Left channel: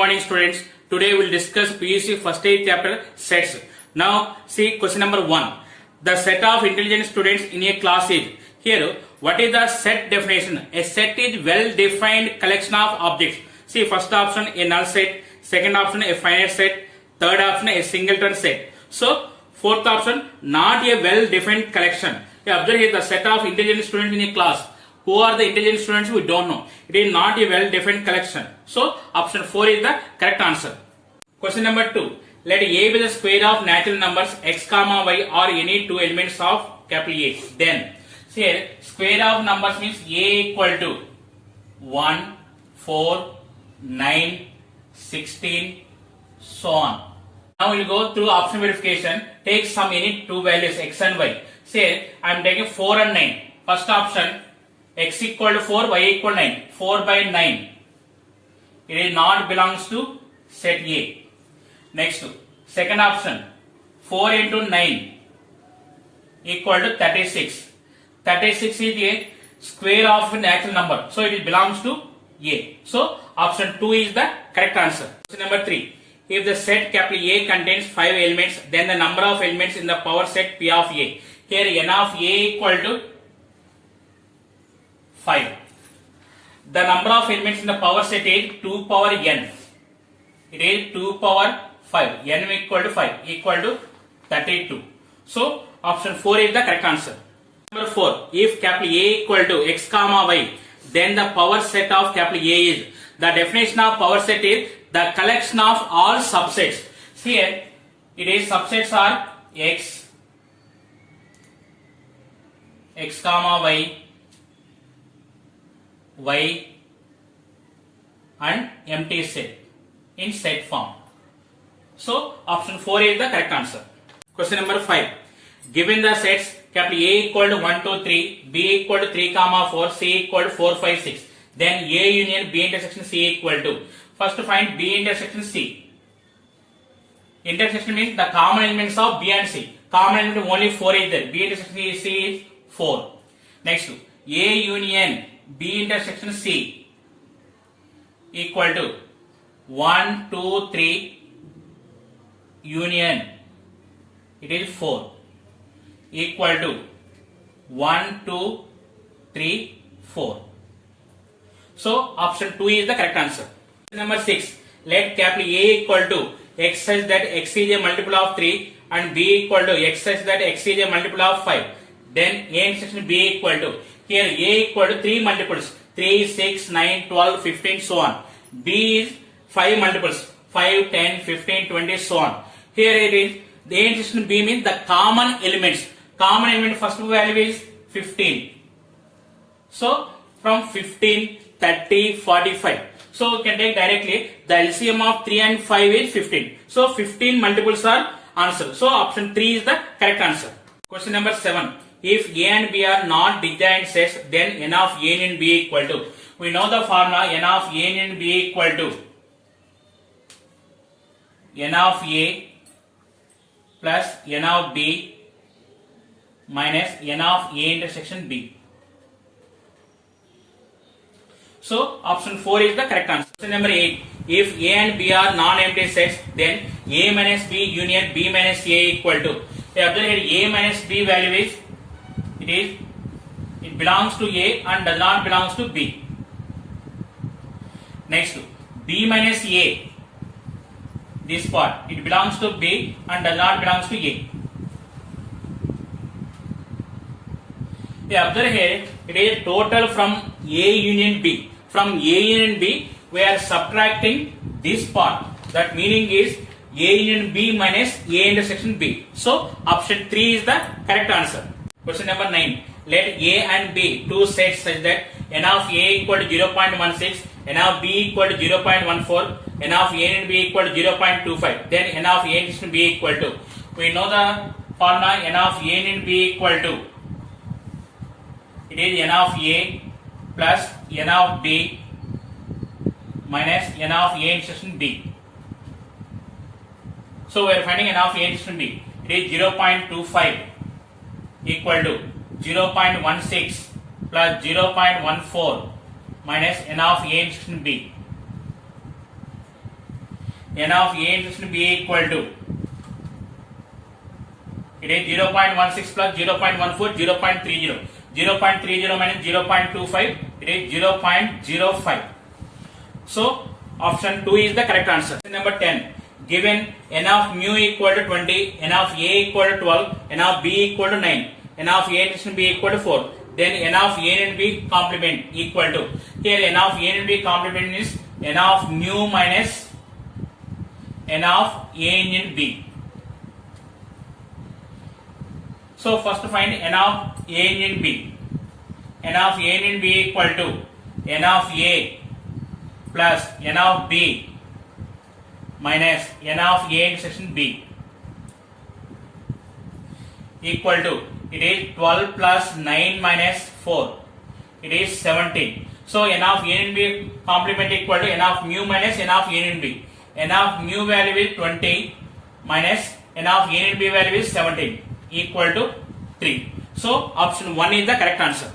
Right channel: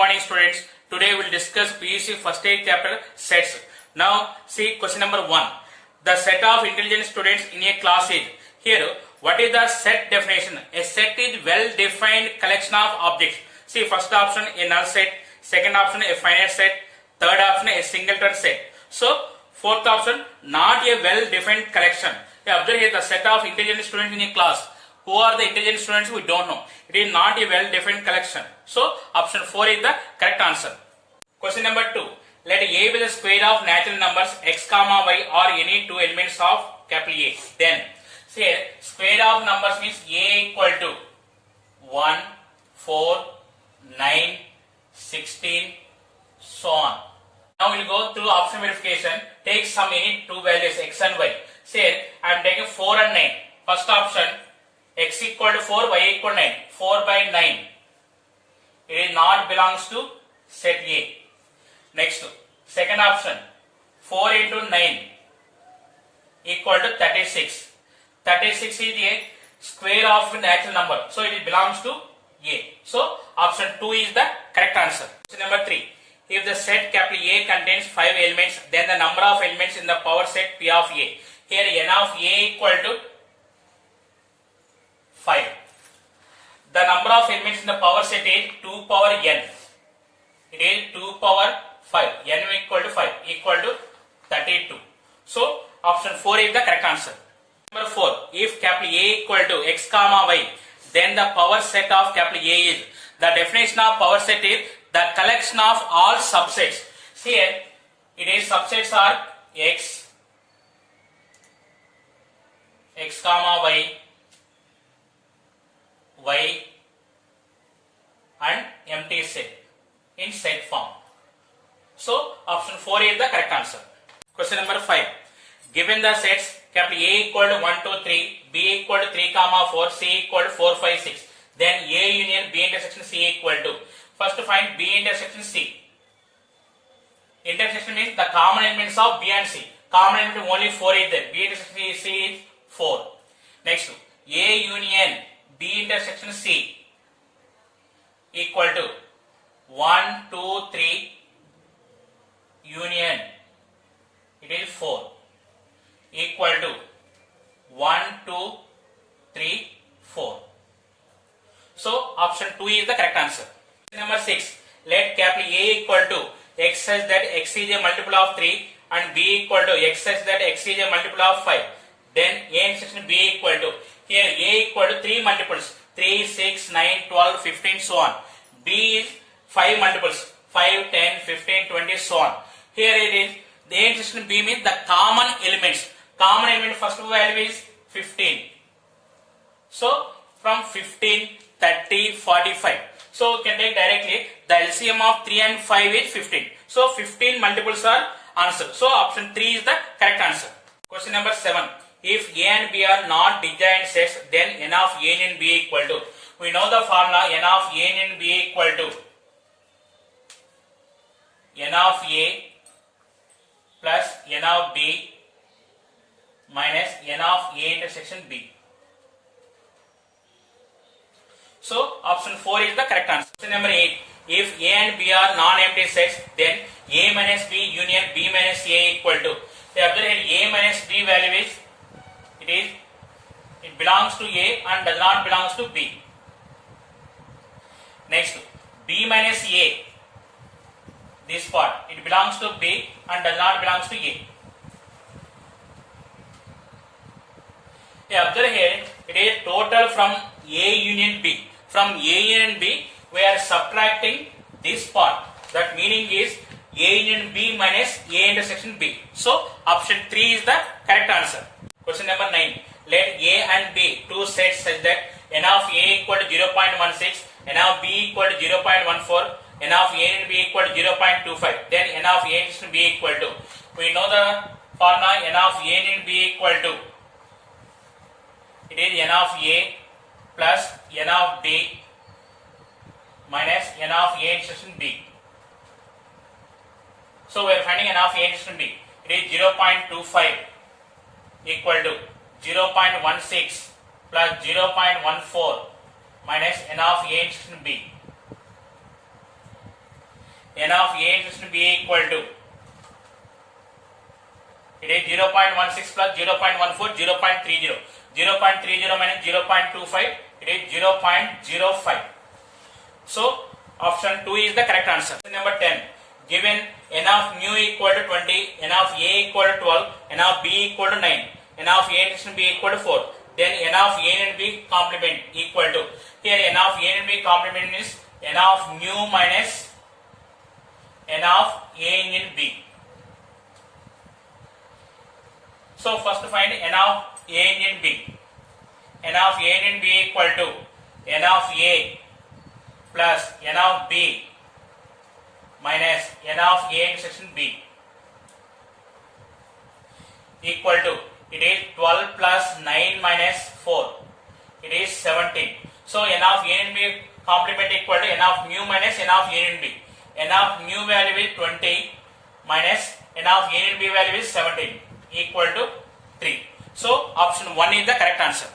morning students. Today we will discuss PUC first aid chapter sets. Now see question number 1. The set of intelligent students in a class is. Here what is the set definition? A set is well defined collection of objects. See first option a null set, second option a finite set, third option a singleton set. So fourth option not a well defined collection. Observe here the set of intelligent students in a class. Who are the intelligent students? We don't know. It is not a well-defined collection. So, option 4 is the correct answer. Question number 2. Let A be the square of natural numbers x comma y or any two elements of capital A. Then, see here, square of numbers means A equal to 1, 4, 9, 16, so on. Now we will go through option verification. Take some any two values x and y. Say, I am taking 4 and 9. First option, x equal to 4, y equal to 9. 4 by 9. It is not belongs to set A. Next, second option, 4 into 9 equal to 36. 36 is a square of a natural number. So it belongs to A. So option 2 is the correct answer. Question number 3. If the set capital A contains 5 elements, then the number of elements in the power set P of A. Here n of A equal to 5. The number of elements in the power set is 2 power n. It is 2 power 5. n equal to 5 equal to 32. So option 4 is the correct answer. Number 4. If capital A equal to x comma y, then the power set of capital A is. The definition of power set is the collection of all subsets. Here it is subsets are x comma y and empty set in set form. So option 4 is the correct answer. Question number 5. Given the sets capital A equal to 1, 2, 3, B equal to 3, 4, C equal to 4, 5, 6. Then A union B intersection C equal to. First find B intersection C. Intersection means the common elements of B and C. Common element only 4 is there. B intersection C is 4. Next, A union B intersection C equal to 1, 2, 3 union. It is 4 equal to 1, 2, 3, 4. So option 2 is the correct answer. Number 6. Let capital A equal to x such that x is a multiple of 3 and B equal to x such that x is a multiple of 5. Then A intersection B equal to. Here A equal to 3 multiples. 3, 6, 9, 12, 15, so on. B is 5 multiples. 5, 10, 15, 20, so on. Here it is. The A intersection B means the common elements. Common element first value is 15. So from 15, 30, 45. So we can take directly the LCM of 3 and 5 is 15. So 15 multiples are answered. So option 3 is the correct answer. Question number 7. If A and B are not disjoint sets, then n of A union B equal to. We know the formula n of A union B equal to n of A plus n of B minus n of A intersection B. So option 4 is the correct answer. Question number 8. If A and B are non-empty sets, then A minus B union B minus A equal to. Observe A minus B value is it belongs to A and does not belongs to B. Next, B minus A, this part, it belongs to B and does not belongs to A. Observe here, it is total from A union B. From A union B, we are subtracting this part. That meaning is A union B minus A intersection B. So option 3 is the correct answer. Question number 9. Let A and B two sets such that n of A equal to 0.16, n of B equal to 0.14, n of A and B equal to 0.25. Then n of A intersection B equal to. We know the formula n of A and B equal to. It is n of A plus n of B minus n of A intersection B. So we are finding n of A intersection B. It is 0.25 equal to 0.16 plus 0.14 minus n of A intersection B. n of A intersection B equal to, it is 0.16 plus 0.14, 0.30. 0.30 minus 0.25, it is 0.05. So option 2 is the correct answer. Number 10. Given n of mu equal to 20, n of A equal to 12, n of B equal to 9, n of A intersection B equal to 4, then n of A and B complement equal to, here n of A and B complement is n of mu minus n of A and B. So first find n of A and B. N of A and B equal to n of A plus n of B minus n of A intersection B equal to, it is 12 plus 9 minus 4, it is 17. So n of A and B complement equal to n of mu minus n of A and B. N of mu value is 20 minus n of A and B value is 17 equal to 3. So option 1 is the correct answer.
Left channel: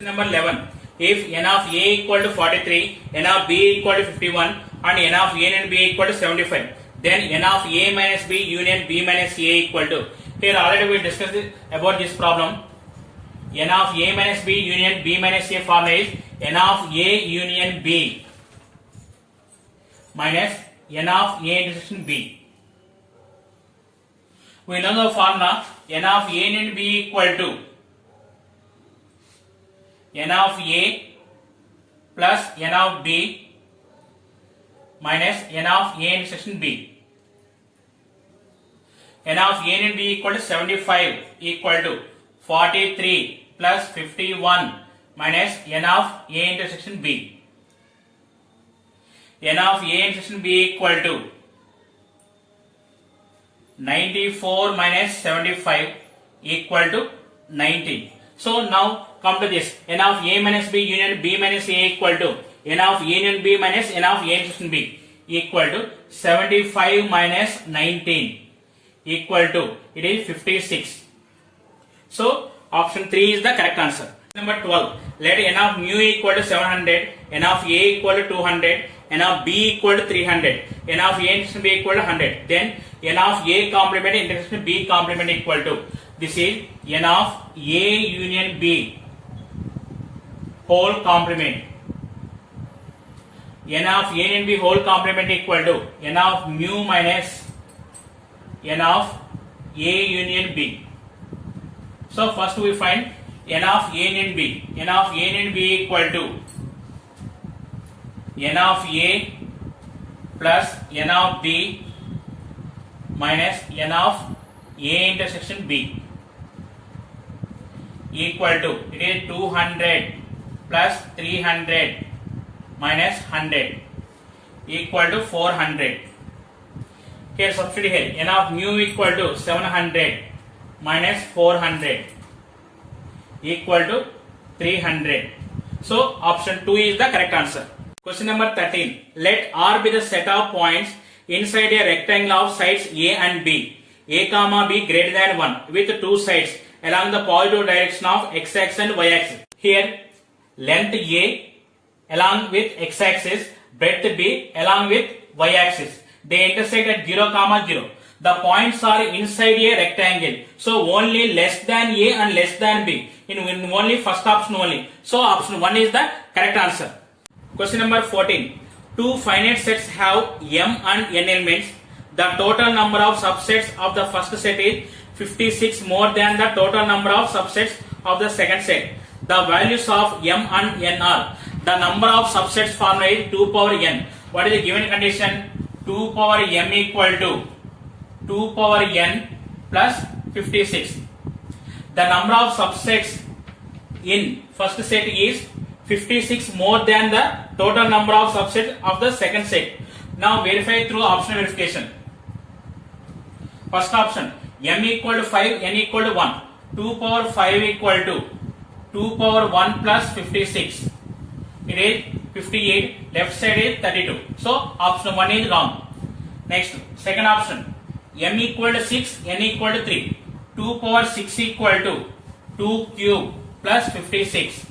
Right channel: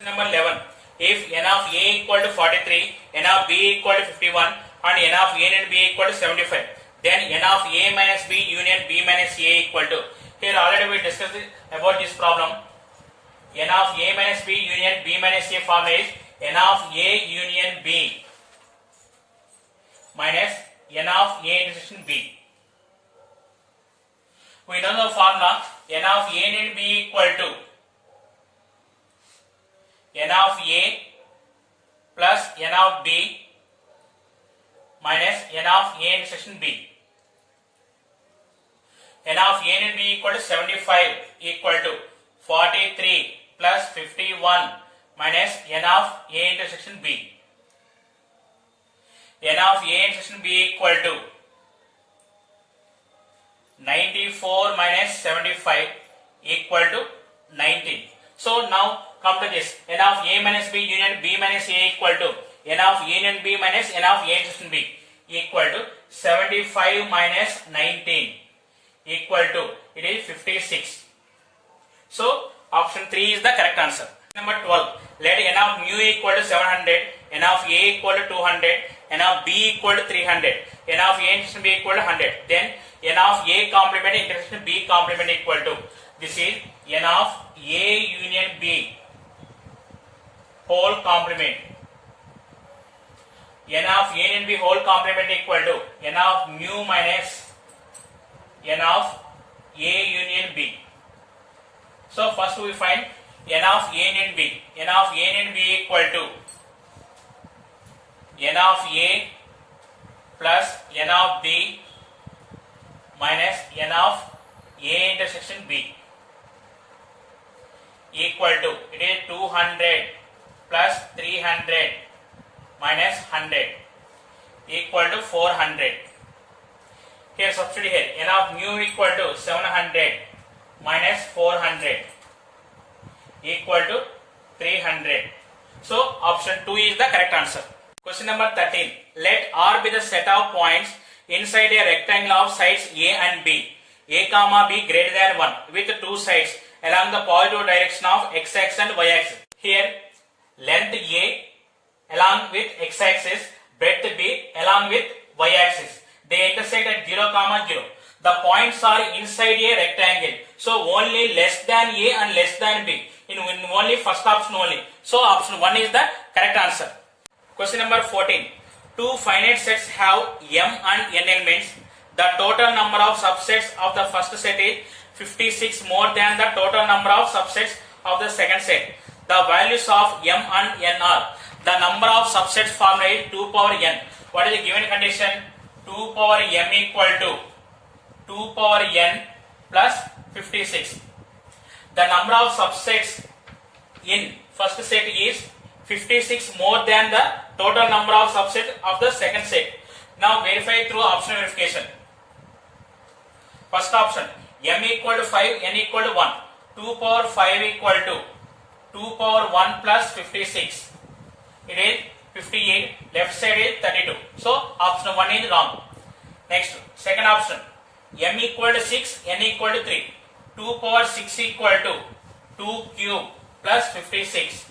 Number 11. If n of A equal to 43, n of B equal to 51 and n of A and B equal to 75, then n of A minus B union B minus A equal to, here already we discussed about this problem. N of A minus B union B minus A formula is n of A union B minus n of A intersection B. We know the formula n of A and B equal to n of A plus n of B minus n of A intersection B. N of A and B equal to 75 equal to 43 plus 51 minus n of A intersection B. N of A intersection B equal to 94 minus 75 equal to 19. So now come to this, n of A minus B union B minus A equal to n of A union B minus n of A intersection B equal to 75 minus 19 equal to, it is 56. So option 3 is the correct answer. Number 12. Let n of mu equal to 700, n of A equal to 200, n of B equal to 300, n of A intersection B equal to 100. Then n of A complement intersection B complement equal to, this is n of A union B whole complement. N of A union B whole complement equal to n of mu minus n of A union B. So first we find n of A union B. N of A union B equal to n of A plus n of B minus n of A intersection B equal to, it is 200 plus 300 minus 100 equal to 400. Here substitute here, n of mu equal to 700 minus 400 equal to 300. So option 2 is the correct answer. Question number 13. Let R be the set of points inside a rectangle of sides A and B. A comma B greater than 1 with two sides along the positive direction of x axis and y axis. Here length A along with x axis, breadth B along with y axis. They intersect at 0, 0. The points are inside a rectangle. So only less than A and less than B. In only first option only. So option 1 is the correct answer. Question number 14. Two finite sets have M and N elements. The total number of subsets of the first set is 56 more than the total number of subsets of the second set. The values of M and N are, the number of subsets formula is 2 power N. What is the given condition? 2 power M equal to 2 power N plus 56. The number of subsets in first set is 56 more than the total number of subsets of the second set. Now verify through option verification. First option, M equal to 5, N equal to 1. 2 power 5 equal to 2 power 1 plus 56. It is 58. Left side is 32. So option 1 is wrong. Next, second option, M equal to 6, N equal to 3. 2 power 6 equal to 2 cube plus 56.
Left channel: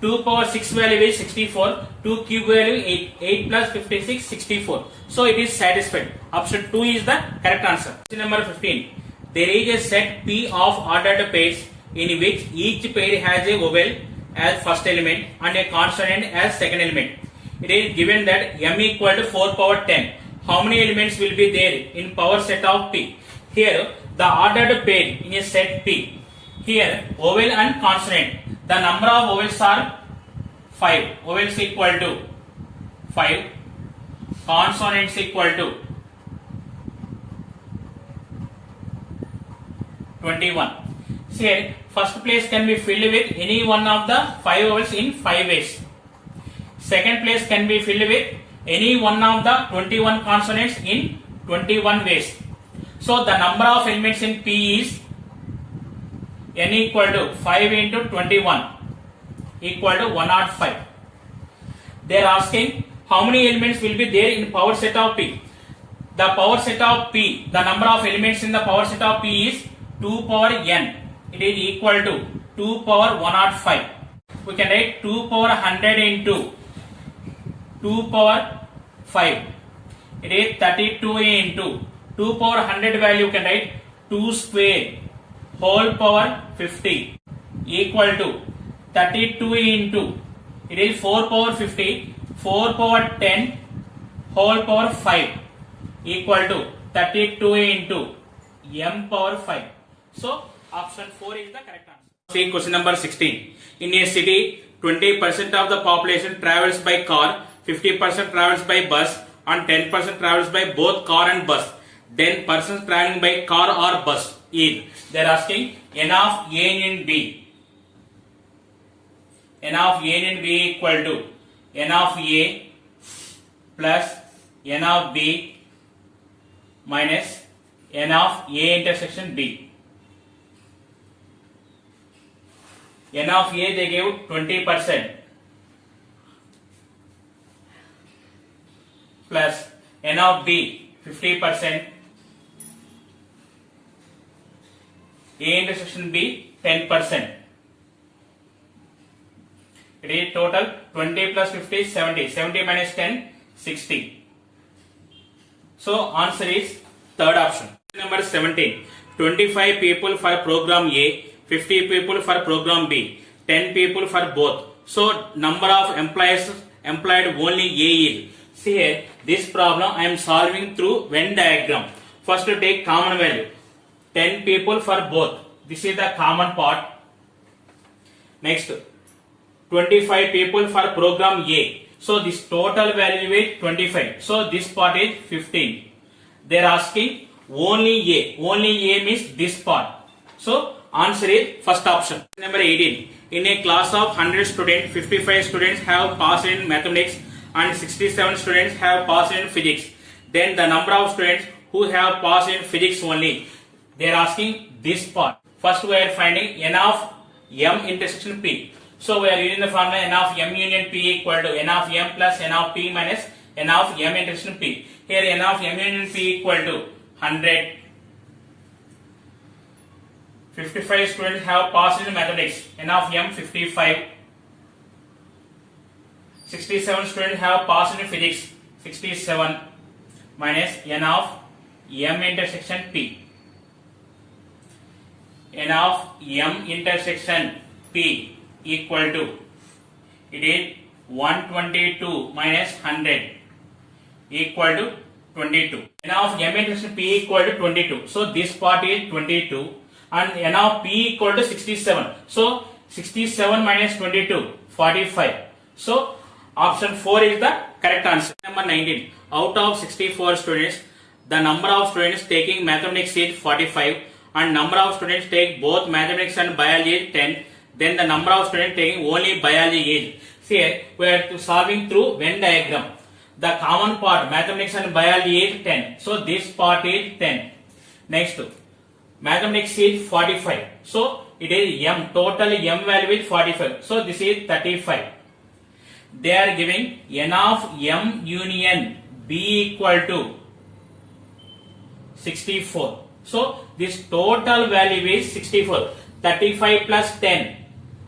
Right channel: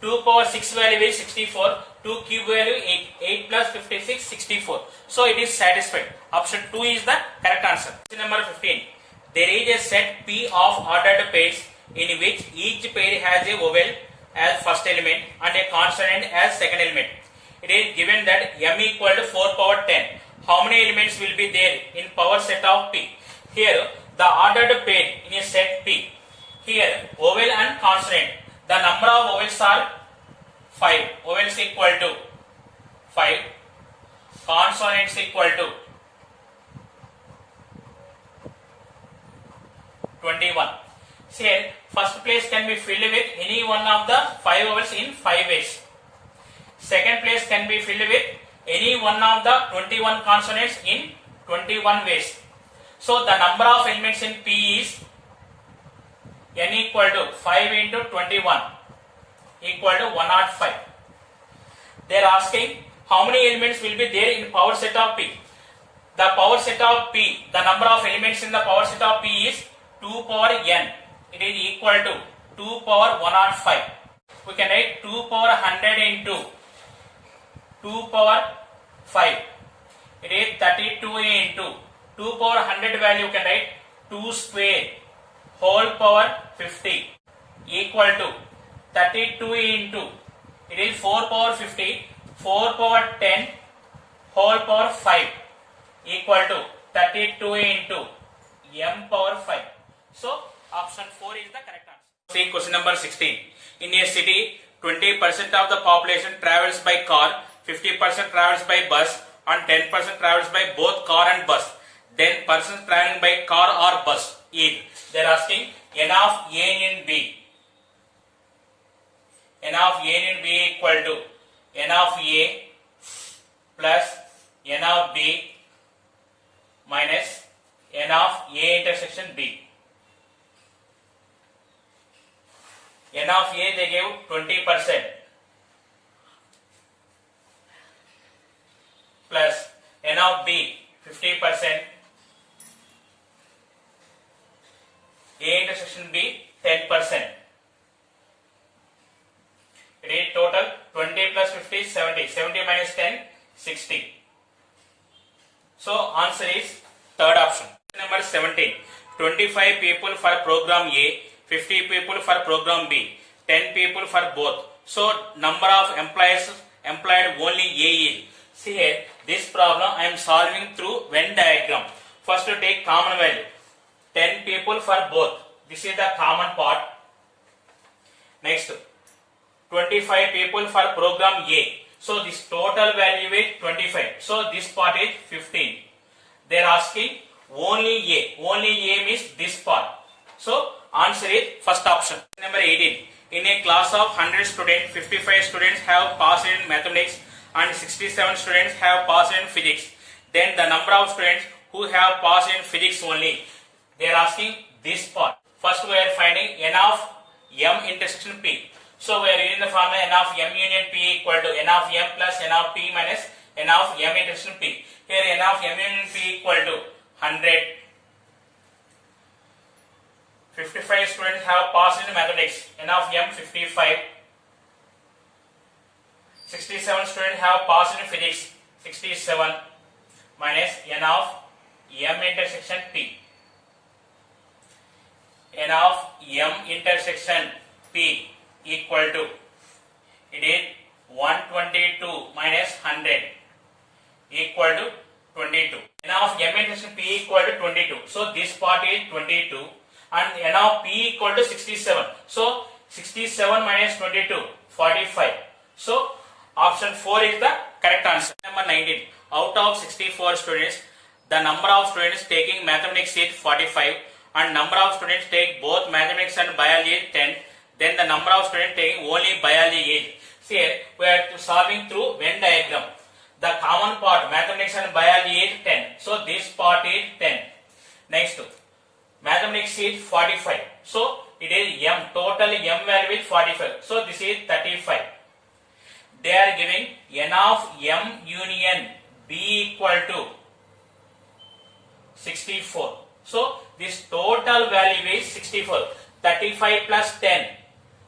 2 power 6 value is 64, 2 cube value 8, 8 plus 56, 64. So it is satisfied. Option 2 is the correct answer. Question number 15. There is a set P of ordered pairs in which each pair has a vowel as first element and a consonant as second element. It is given that m equal to 4 power 10. How many elements will be there in power set of P? Here the ordered pair in a set P. Here vowel and consonant. The number of vowels are 5. Vowels equal to 5. Consonants equal to 21. Here first place can be filled with any one of the 5 vowels in 5 ways. Second place can be filled with any one of the 21 consonants in 21 ways. So the number of elements in P is n equal to 5 into 21 equal to 105. They are asking how many elements will be there in power set of P. The power set of P, the number of elements in the power set of P is 2 power n. It is equal to 2 power 105. We can write 2 power 100 into 2 power 5. It is 32 into 2 power 100 value. You can write 2 square whole power 50 equal to 32 into, it is 4 power 50, 4 power 10 whole power 5 equal to 32 into m power 5. So option 4 is the correct answer. See question number 16. In a city, 20% of the population travels by car, 50% travels by bus and 10% travels by both car and bus. Then persons traveling by car or bus is. They are asking n of a in b. N of a in b equal to n of a plus n of b minus n of a intersection b. N of a they gave 20% plus n of b 50%, a intersection b 10%. It is total 20 plus 50 70. 70 minus 10 60. So answer is third option. Number 17. 25 people for program A, 50 people for program B, 10 people for both. So number of employees employed only A is. See here, this problem I am solving through Venn diagram. First to take common value. 10 people for both. This is the common part. Next, 25 people for program A. So this total value is 25. So this part is 15. They are asking only A. Only A means this part. So answer is first option. Number 18. In a class of 100 students, 55 students have passed in mathematics and 67 students have passed in physics. Then the number of students who have passed in physics only. They are asking this part. First we are finding n of m intersection p. So we are using the formula n of m union p equal to n of m plus n of p minus n of m intersection p. Here n of m union p equal to 100. 55 students have passed in mathematics. N of m 55. 67 students have passed in physics. 67 minus n of m intersection p. N of m intersection p equal to, it is 122 minus 100 equal to 22. N of m intersection p equal to 22. So this part is 22 and n of p equal to 67. So 67 minus 22 45. So option 4 is the correct answer. Number 19. Out of 64 students, the number of students taking mathematics is 45 and number of students take both mathematics and biology is 10. Then the number of students taking only biology is. See here, we are solving through Venn diagram. The common part mathematics and biology is 10. So this part is 10. Next, mathematics is 45. So it is m. Total m value is 45. So this is 35. They are giving n of m union b equal to 64. So this total value is 64. 35 plus 10,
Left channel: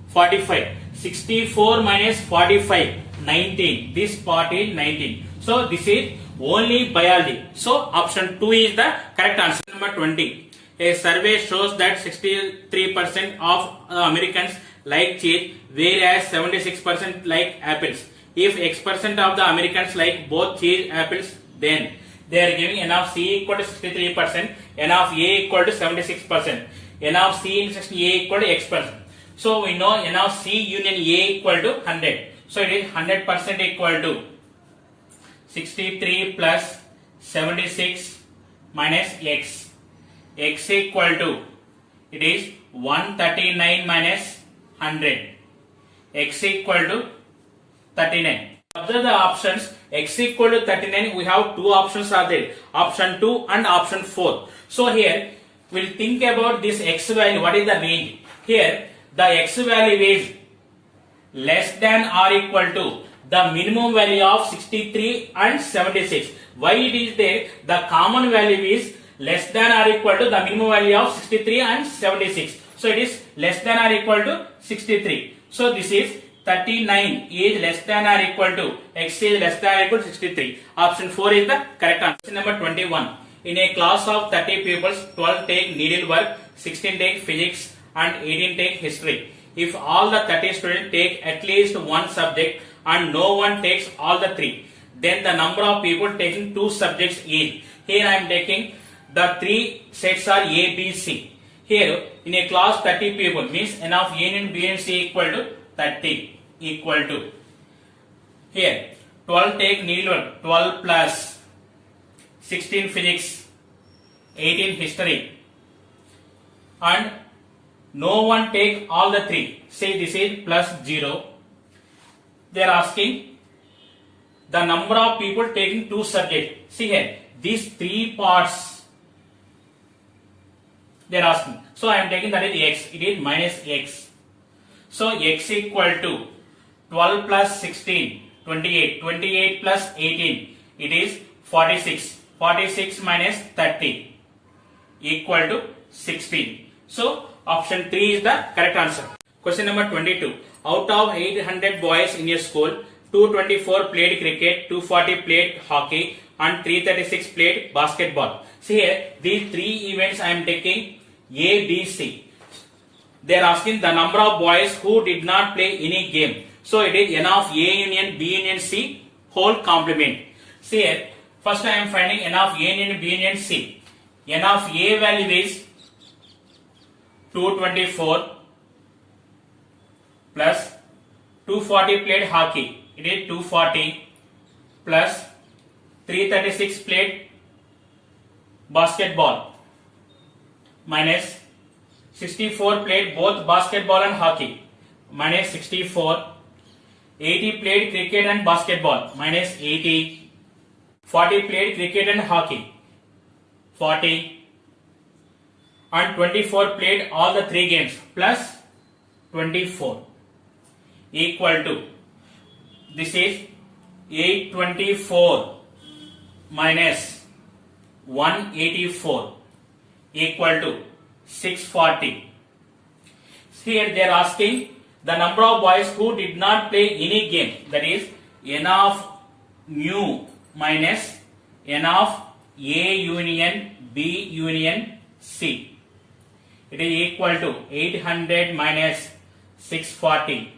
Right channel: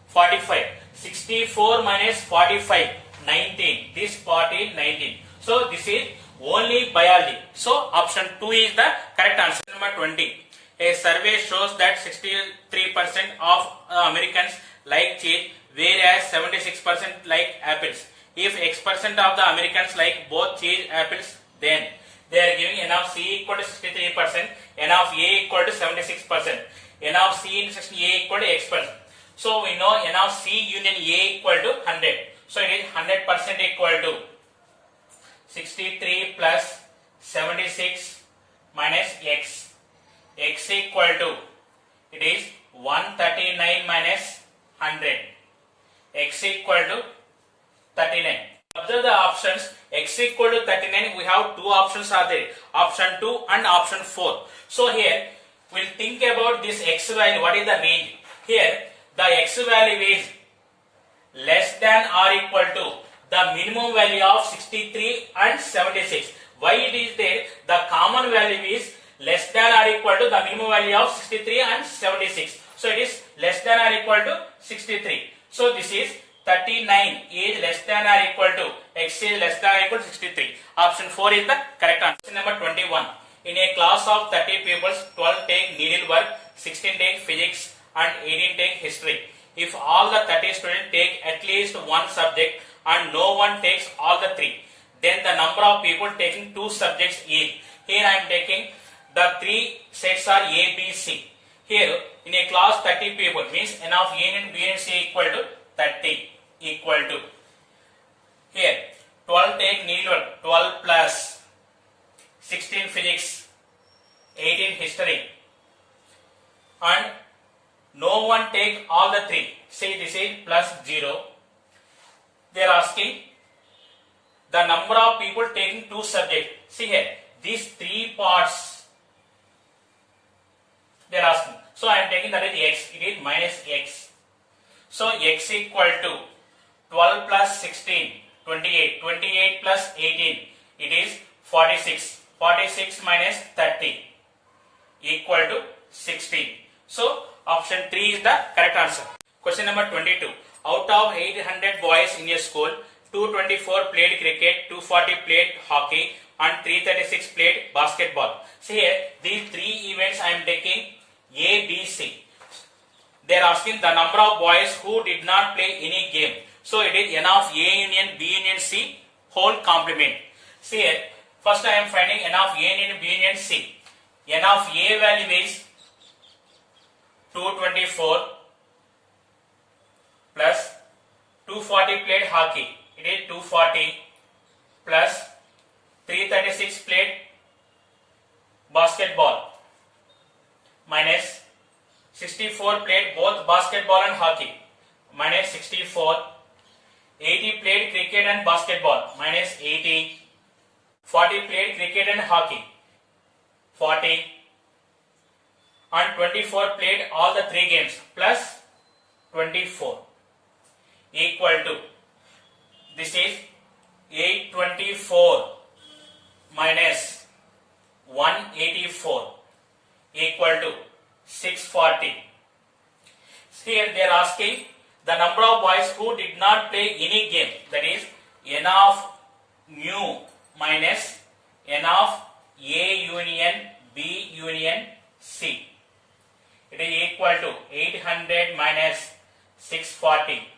45. 64 minus 45, 19. This part is 19. So this is only biology. So option 2 is the correct answer. Number 20. A survey shows that 63% of Americans like cheese, whereas 76% like apples. If X% of the Americans like both cheese and apples, then they are giving N of C equal to 63%, N of A equal to 76%, N of C intersection A equal to X%. So we know N of C union A equal to 100. So it is 100% equal to 63 plus 76 minus X. X equal to, it is 139 minus 100. X equal to 39. Observe the options. X equal to 39. We have two options are there. Option 2 and option 4. So here we'll think about this X value. What is the range? Here the X value is less than or equal to the minimum value of 63 and 76. Why it is there? The common value is less than or equal to the minimum value of 63 and 76. So it is less than or equal to 63. So this is 39 is less than or equal to X is less than or equal to 63. Option 4 is the correct answer. Question number 21. In a class of 30 pupils, 12 take needlework, 16 take physics and 18 take history. If all the 30 students take at least one subject and no one takes all the three, then the number of people taking two subjects is. Here I am taking the three sets are A, B, C. Here in a class 30 people means N of A and B and C equal to 30 equal to. Here 12 take needlework, 12 plus 16 physics, 18 history, and no one take all the three. Say this is plus 0. They are asking the number of people taking two subjects. See here, these three parts they are asking. So I am taking that is X. It is minus X. So X equal to 12 plus 16, 28. 28 plus 18, it is 46. 46 minus 30 equal to 16. So option 3 is the correct answer. Question number 22. Out of 800 boys in a school, 224 played cricket, 240 played hockey, and 336 played basketball. See here, these three events I am taking A, B, C. They are asking the number of boys who did not play any game. So it is N of A union B union C whole complement. See here, first I am finding N of A union B union C. N of A value is 224 plus 240 played hockey. It is 240 plus 336 played basketball minus 64 played both basketball and hockey minus 64. 80 played cricket and basketball minus 80. 40 played cricket and hockey 40. And 24 played all the three games plus 24 equal to, this is 824 minus 184 equal to 640. Here they are asking the number of boys who did not play any game, that is N of mu minus N of A union B union C. It is equal to 800 minus 640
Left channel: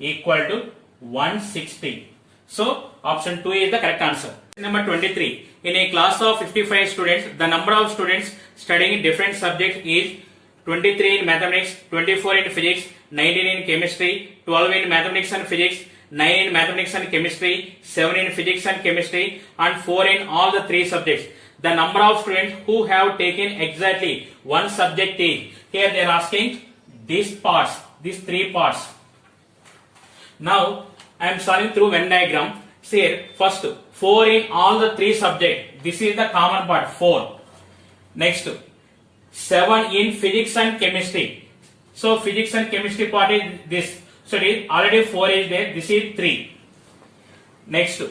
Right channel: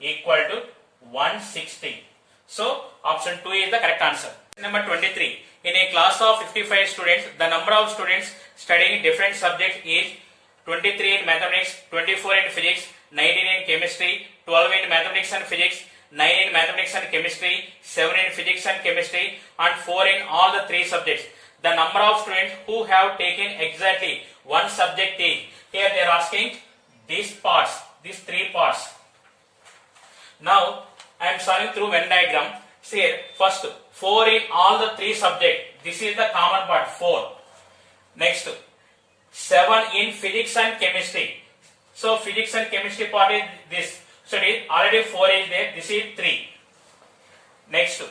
equal to 160. So option 2 is the correct answer. Number 23. In a class of 55 students, the number of students studying different subjects is 23 in mathematics, 24 in physics, 19 in chemistry, 12 in mathematics and physics, 9 in mathematics and chemistry, 7 in physics and chemistry, and 4 in all the three subjects. The number of students who have taken exactly one subject is. Here they are asking these parts, these three parts. Now I am solving through Venn diagram. See here, first 4 in all the three subjects. This is the common part, 4. Next 7 in physics and chemistry. So physics and chemistry part is this. So it is already 4 is there. This is 3. Next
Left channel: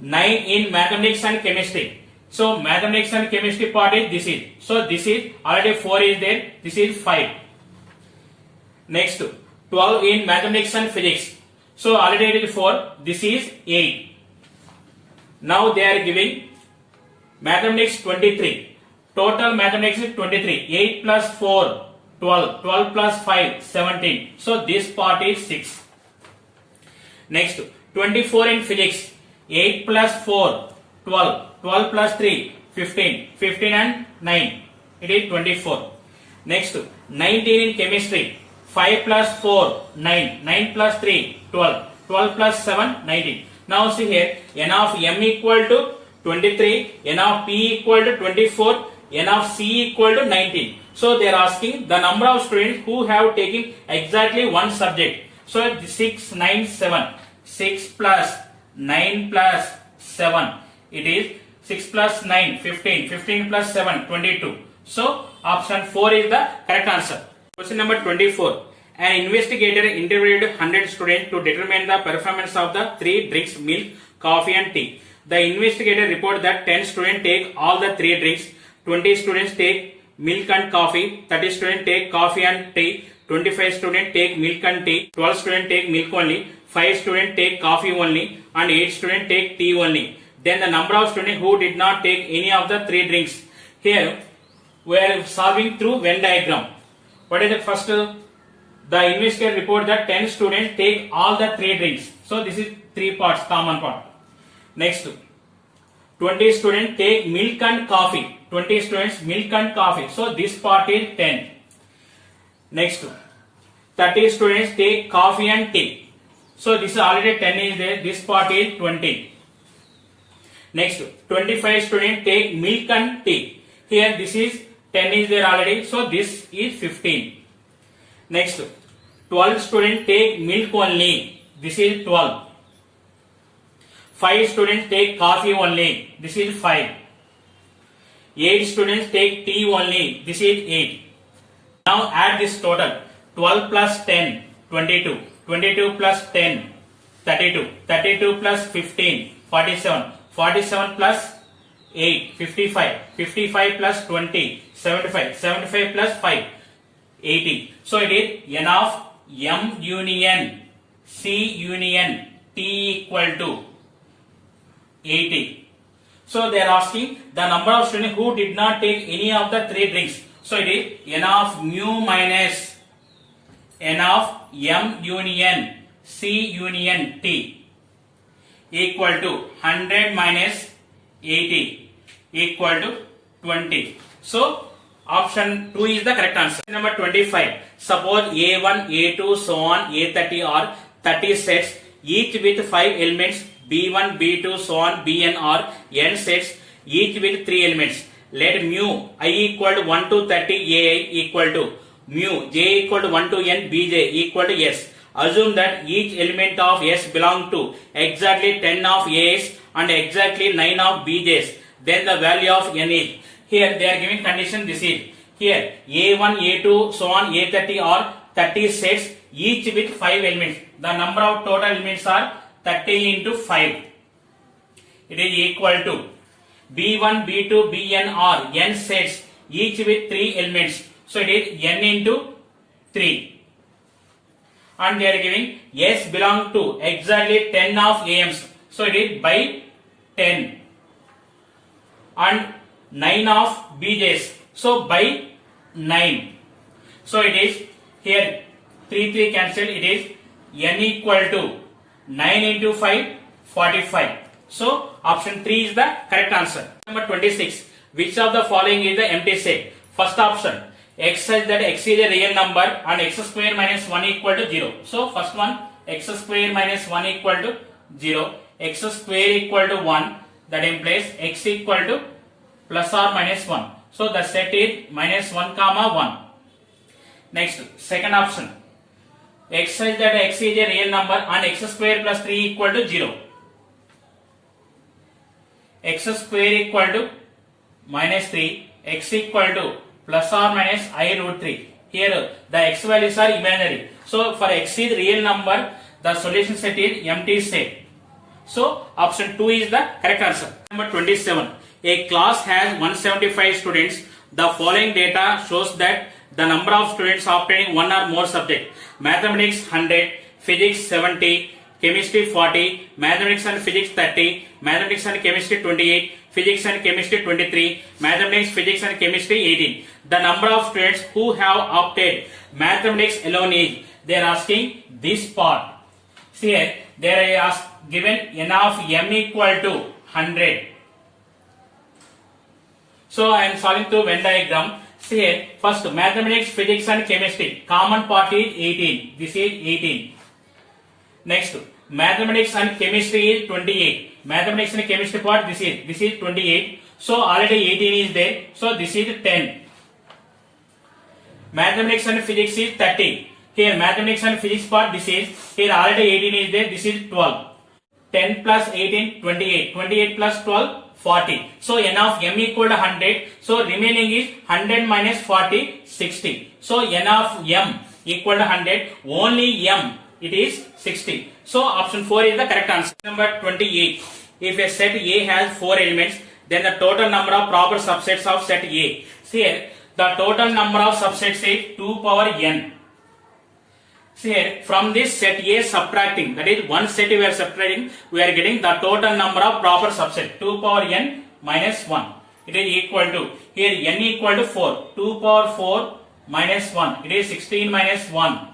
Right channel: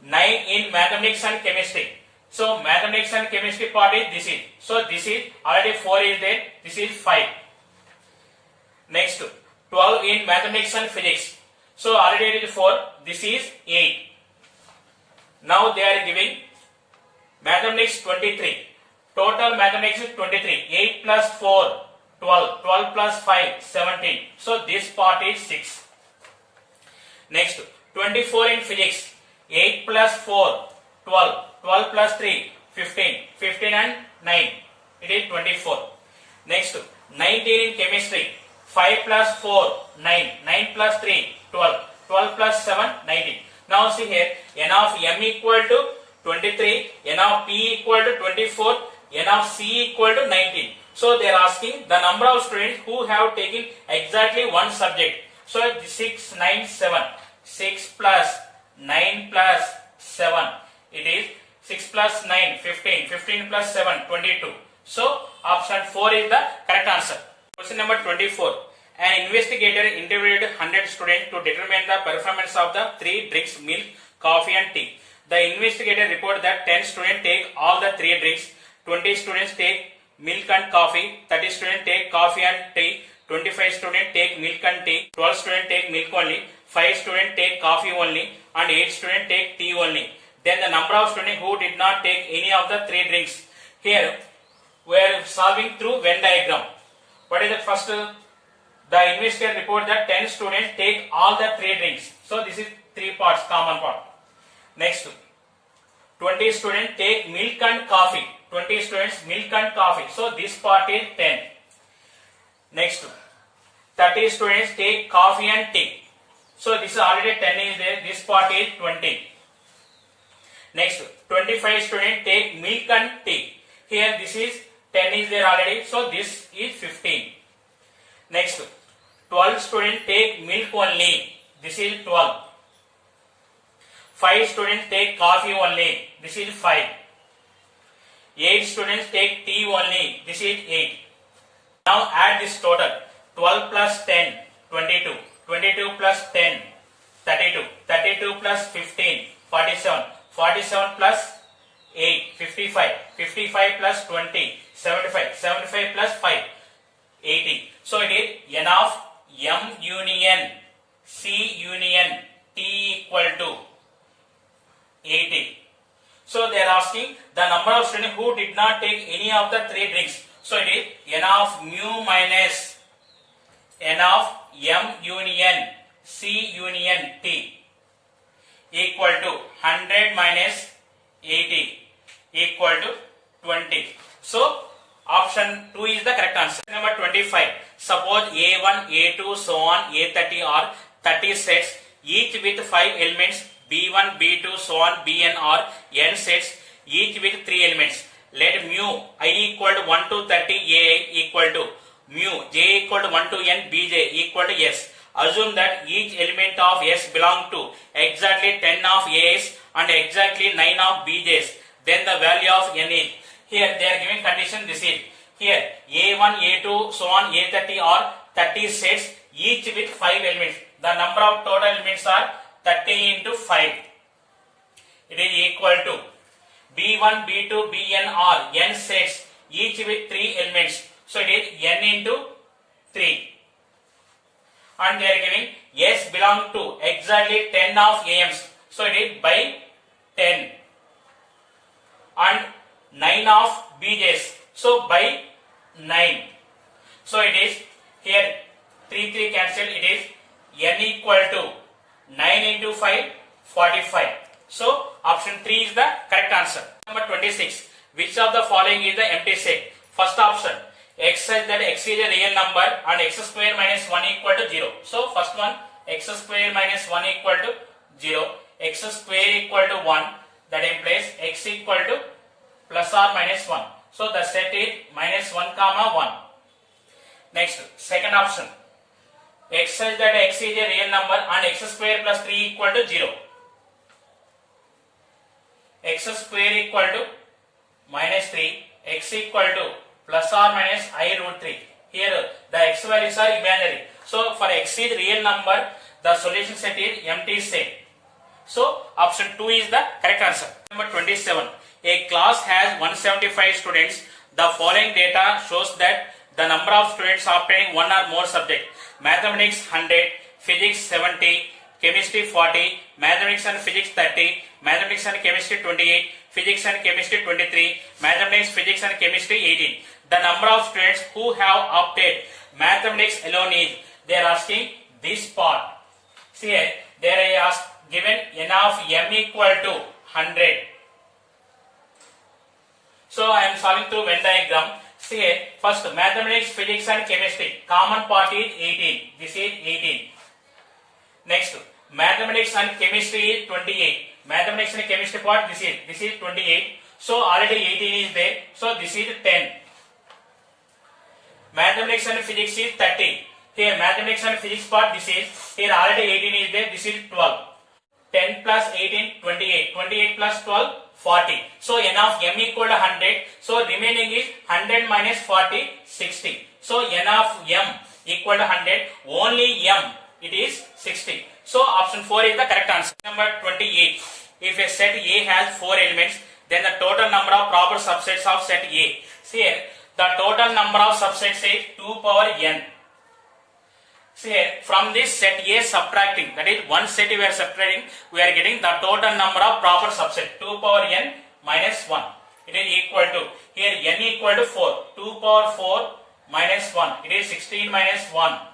9 in mathematics and chemistry. So mathematics and chemistry part is this is. So this is already 4 is there. This is 5. Next 12 in mathematics and physics. So already it is 4. This is 8. Now they are giving mathematics 23. Total mathematics is 23. 8 plus 4, 12. 12 plus 5, 17. So this part is 6. Next, 24 in physics. 8 plus 4, 12. 12 plus 3, 15. 15 and 9. It is 24. Next, 19 in chemistry. 5 plus 4, 9. 9 plus 3, 12. 12 plus 7, 19. Now see here, n of m equal to 23, n of p equal to 24, n of c equal to 19. So they are asking the number of students who have taken exactly one subject. So 6, 9, 7. 6 plus 9 plus 7. It is 6 plus 9, 15. 15 plus 7, 22. So option 4 is the correct answer. Question number 24. An investigator interviewed 100 students to determine the performance of the 3 drinks, milk, coffee and tea. The investigator reported that 10 students take all the 3 drinks, 20 students take milk and coffee, 30 students take coffee and tea, 25 students take milk and tea, 12 students take milk only, 5 students take coffee only and 8 students take tea only. Then the number of students who did not take any of the 3 drinks. Here we are solving through Venn diagram. What is the first? The investigator report that 10 students take all the 3 drinks. So this is 3 parts, common part. Next, 20 students take milk and coffee. 20 students milk and coffee. So this part is 10. Next, 30 students take coffee and tea. So this is already 10 is there. This part is 20. Next, 25 students take milk and tea. Here this is 10 is there already. So this is 15. Next, 12 students take milk only. This is 12. 5 students take coffee only. This is 5. 8 students take tea only. This is 8. Now add this total. 12 plus 10, 22. 22 plus 10, 32. 32 plus 15, 47. 47 plus 8, 55. 55 plus 20, 75. 75 plus 5, 80. So it is n of m union c union t equal to 80. So they are asking the number of students who did not take any of the 3 drinks. So it is n of mu minus n of m union c union t equal to 100 minus 80 equal to 20. So option 2 is the correct answer. Number 25. Suppose A1, A2, so on, A30 are 30 sets, each with 5 elements, B1, B2, so on, Bn are n sets, each with 3 elements. Let mu I equal to 1 to 30, Ai equal to mu j equal to 1 to n, Bj equal to s. Assume that each element of s belong to exactly 10 of A's and exactly 9 of Bj's. Then the value of n is. Here they are giving condition this is. Here A1, A2, so on, A30 are 30 sets, each with 5 elements. The number of total elements are 30 into 5. It is equal to B1, B2, Bn are n sets, each with 3 elements. So it is n into 3. And they are giving S belong to exactly 10 of AMs. So it is by 10. And 9 of BJs. So by 9. So it is here 3 cancelled. It is n equal to 9 into 5, 45. So option 3 is the correct answer. Number 26. Which of the following is the empty set? First option. X such that x is a real number and x square minus 1 equal to 0. So first one, x square minus 1 equal to 0. X square equal to 1. That implies x equal to plus or minus 1. So the set is minus 1 comma 1. Next, second option. X such that x is a real number and x square plus 3 equal to 0. X square equal to minus 3. X equal to plus or minus I root 3. Here the x values are imaginary. So for x is real number, the solution set is empty set. So option 2 is the correct answer. Number 27. A class has 175 students. The following data shows that the number of students obtaining one or more subject. mathematics 100, physics 70, chemistry 40, mathematics and physics 30, mathematics and chemistry 28, physics and chemistry 23, mathematics, physics and chemistry 18. The number of students who have opted mathematics alone is, they are asking this part. See here, there are given n of m equal to 100. So I am solving through Venn diagram. See here, first mathematics, physics and chemistry. Common part is 18. This is 18. Next, mathematics and chemistry is 28. Mathematics and chemistry part, this is 28. So already 18 is there. So this is 10. Mathematics and physics is 30. Here mathematics and physics part, this is, here already 18 is there. This is 12. 10 plus 18, 28. 28 plus 12, 40. So n of m equal to 100. So remaining is 100 minus 40, 60. So n of m equal to 100. Only m, it is 60. So option 4 is the correct answer. Number 28. If a set A has 4 elements, then the total number of proper subsets of set A. See here, the total number of subsets is 2 power n. See here, from this set A subtracting, that is one set we are subtracting, we are getting the total number of proper subset, 2 power n minus 1. It is equal to, here n equal to 4, 2 power 4 minus 1, it is 16 minus 1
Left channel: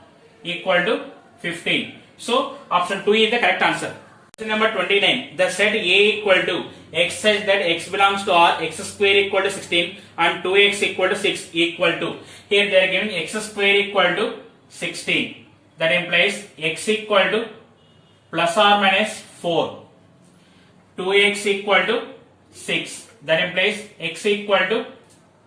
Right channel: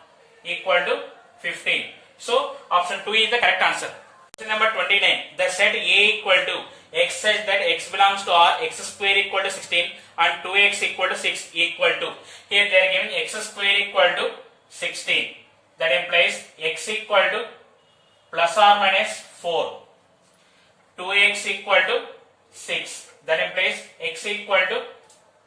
equal to 15. So option 2 is the correct answer. Question number 29. The set A equal to x such that x belongs to R, x square equal to 16 and 2x equal to 6 equal to. Here they are giving x square equal to 16. That implies x equal to plus or minus 4. 2x equal to 6. That implies x equal to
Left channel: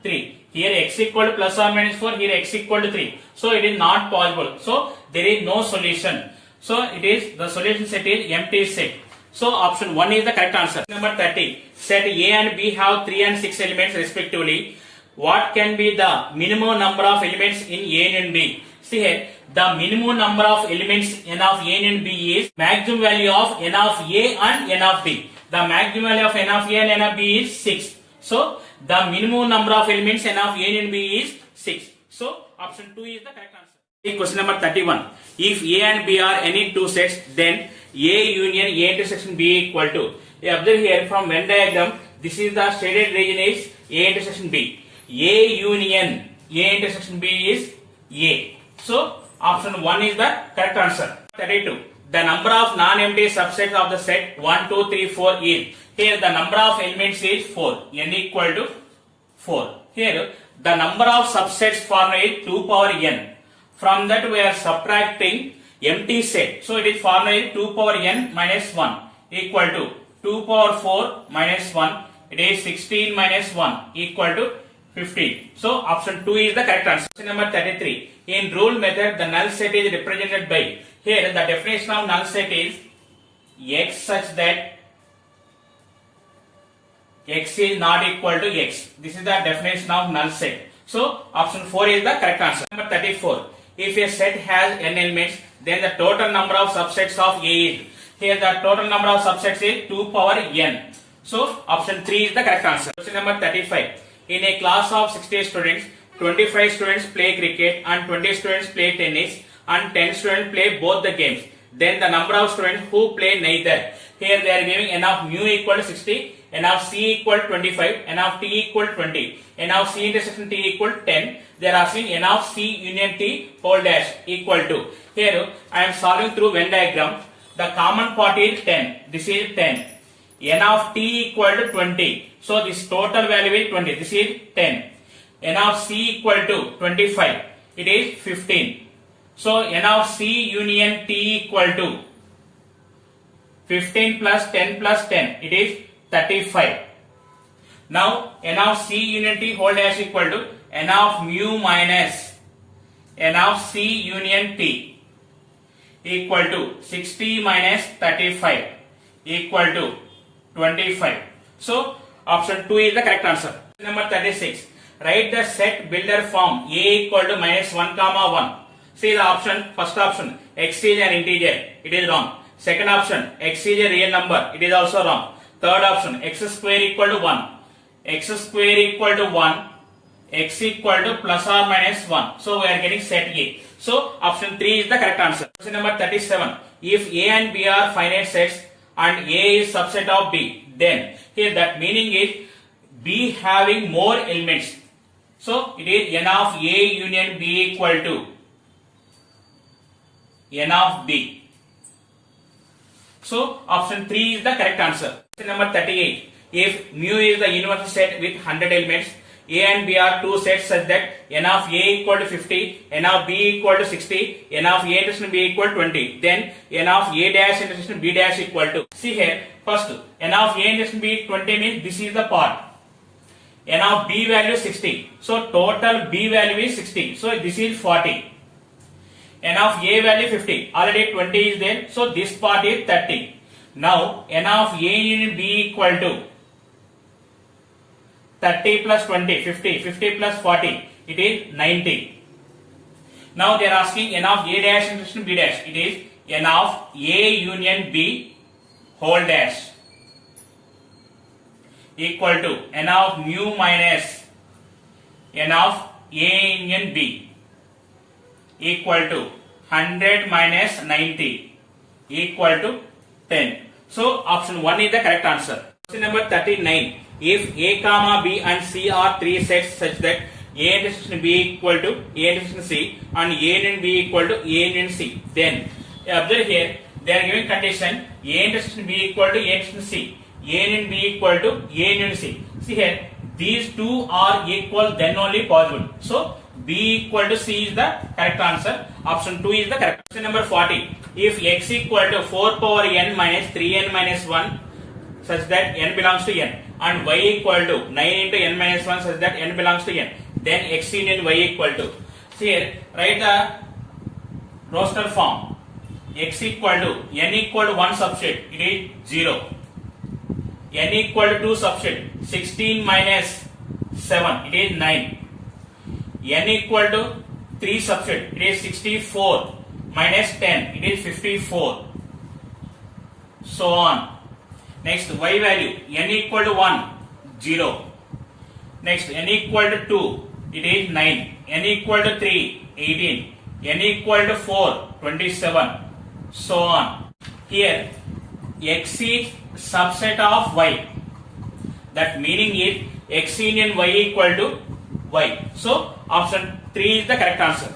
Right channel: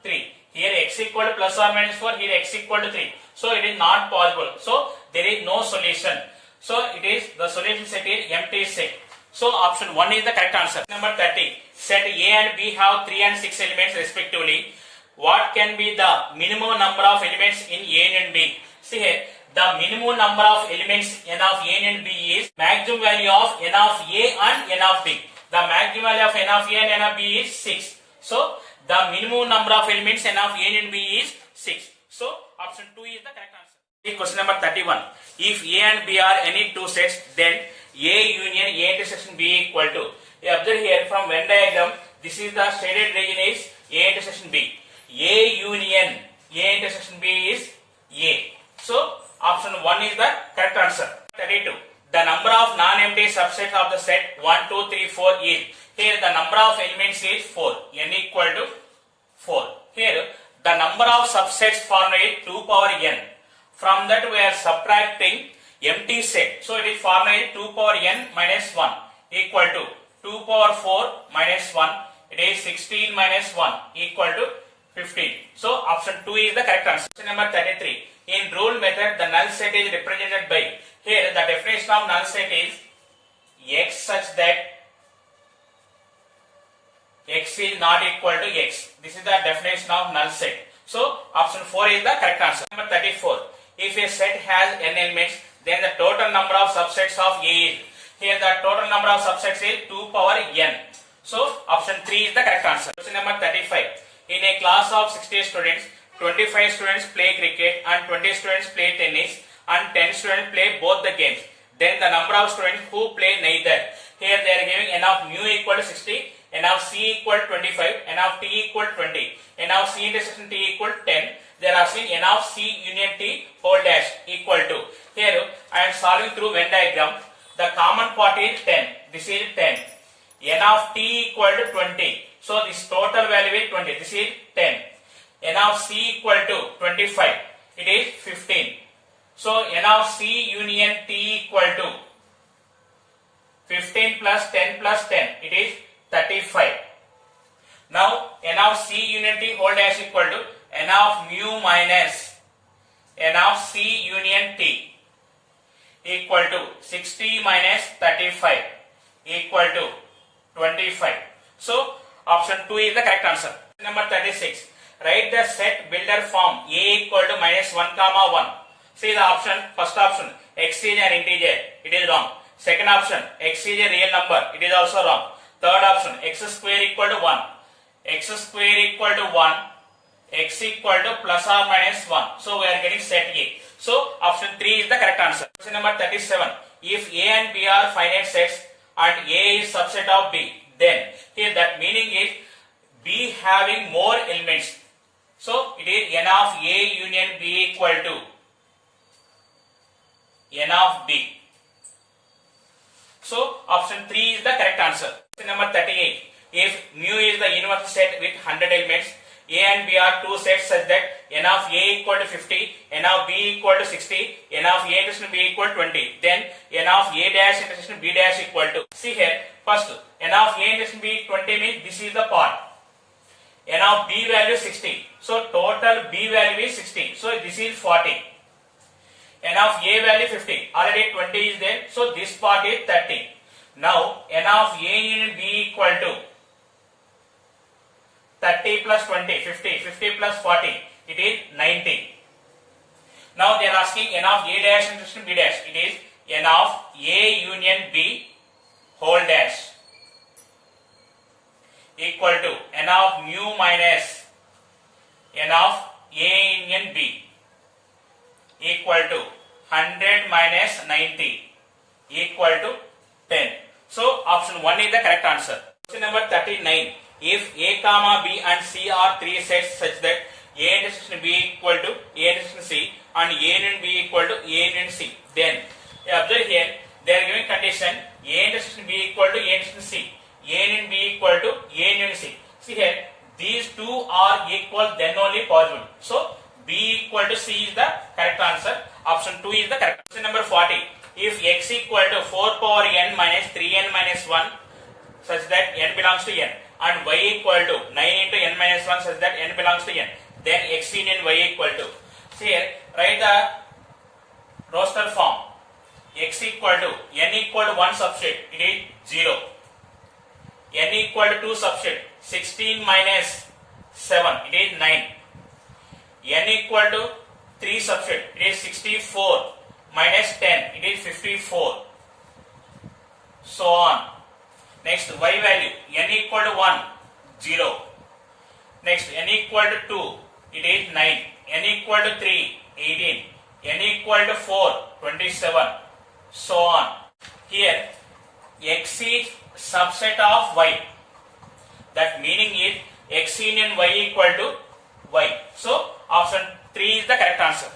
3. Here x equal to plus or minus 4. Here x equal to 3. So it is not possible. So there is no solution. So it is, the solution set is empty set. So option 1 is the correct answer. Number 30. Set A and B have 3 and 6 elements respectively. What can be the minimum number of elements in A and B? See here, the minimum number of elements n of A and B is maximum value of n of A and n of B. The maximum value of n of A and n of B is 6. So the minimum number of elements n of A and B is 6. So option 2 is the correct answer. Question number 31. If A and B are any two sets, then A union A intersection B equal to. Observe here from Venn diagram, this is the shaded region is A intersection B. A union A intersection B is A. So option 1 is the correct answer. 32. The number of non-empty subsets of the set 1, 2, 3, 4 is. Here the number of elements is 4. N equal to 4. Here the number of subsets formula is 2 power n. From that we are subtracting empty set. So it is formula is 2 power n minus 1 equal to 2 power 4 minus 1. It is 16 minus 1 equal to 15. So option 2 is the correct answer. Question number 33. In rule method, the null set is represented by. Here the definition of null set is x such that x is not equal to x. This is the definition of null set. So option 4 is the correct answer. Number 34. If a set has n elements, then the total number of subsets of A is. Here the total number of subsets is 2 power n. So option 3 is the correct answer. Question number 35. In a class of 60 students, 25 students play cricket and 20 students play tennis and 10 students play both the games. Then the number of students who play neither. Here they are giving n of mu equal to 60, n of c equal to 25, n of t equal to 20, n of c intersection t equal to 10. They are asking n of c union t whole dash equal to. Here I am solving through Venn diagram. The common part is 10. This is 10. N of t equal to 20. So this total value is 20. This is 10. N of c equal to 25. It is 15. So n of c union t equal to 15 plus 10 plus 10. It is 35. Now n of c union t whole dash equal to n of mu minus n of c union t equal to 60 minus 35 equal to 25. So option 2 is the correct answer. Number 36. Write the set builder form A equal to minus 1 comma 1. See the option. First option, x is an integer. It is wrong. Second option, x is a real number. It is also wrong. Third option, x square equal to 1. X square equal to 1. X equal to plus or minus 1. So we are getting set A. So option 3 is the correct answer. Question number 37. If A and B are finite sets and A is subset of B, then here that meaning is B having more elements. So it is n of A union B equal to n of B. So option 3 is the correct answer. Question number 38. If mu is the universal set with 100 elements, A and B are two sets such that n of A equal to 50, n of B equal to 60, n of A intersection B equal to 20, then n of A dash intersection B dash equal to. See here, first n of A intersection B 20 means this is the part. N of B value 60. So total B value is 60. So this is 40. N of A value 50. Already 20 is there. So this part is 30. Now n of A union B equal to 30 plus 20, 50. 50 plus 40. It is 90. Now they are asking n of A dash intersection B dash. It is n of A union B whole dash equal to n of mu minus n of A union B equal to 100 minus 90 equal to 10. So option 1 is the correct answer. Question number 39. If A comma B and C are three sets such that A intersection B equal to A intersection C and A union B equal to A union C, then observe here they are giving condition A intersection B equal to A intersection C, A union B equal to A union C. See here, these two are equal, then only possible. So B equal to C is the correct answer. Option 2 is the correct. Question number 40. If x equal to 4 power n minus 3n minus 1 such that n belongs to n and y equal to 9 into n minus 1 such that n belongs to n, then x union y equal to. So here write the roster form. X equal to n equal to 1 substrate, it is 0. N equal to 2 substrate, 16 minus 7, it is 9. N equal to 3 substrate, it is 64 minus 10, it is 54. So on. Next y value, n equal to 1, 0. Next n equal to 2, it is 9. N equal to 3, 18. N equal to 4, 27. So on. Here x is subset of y. That meaning is x union y equal to y. So option 3 is the correct answer.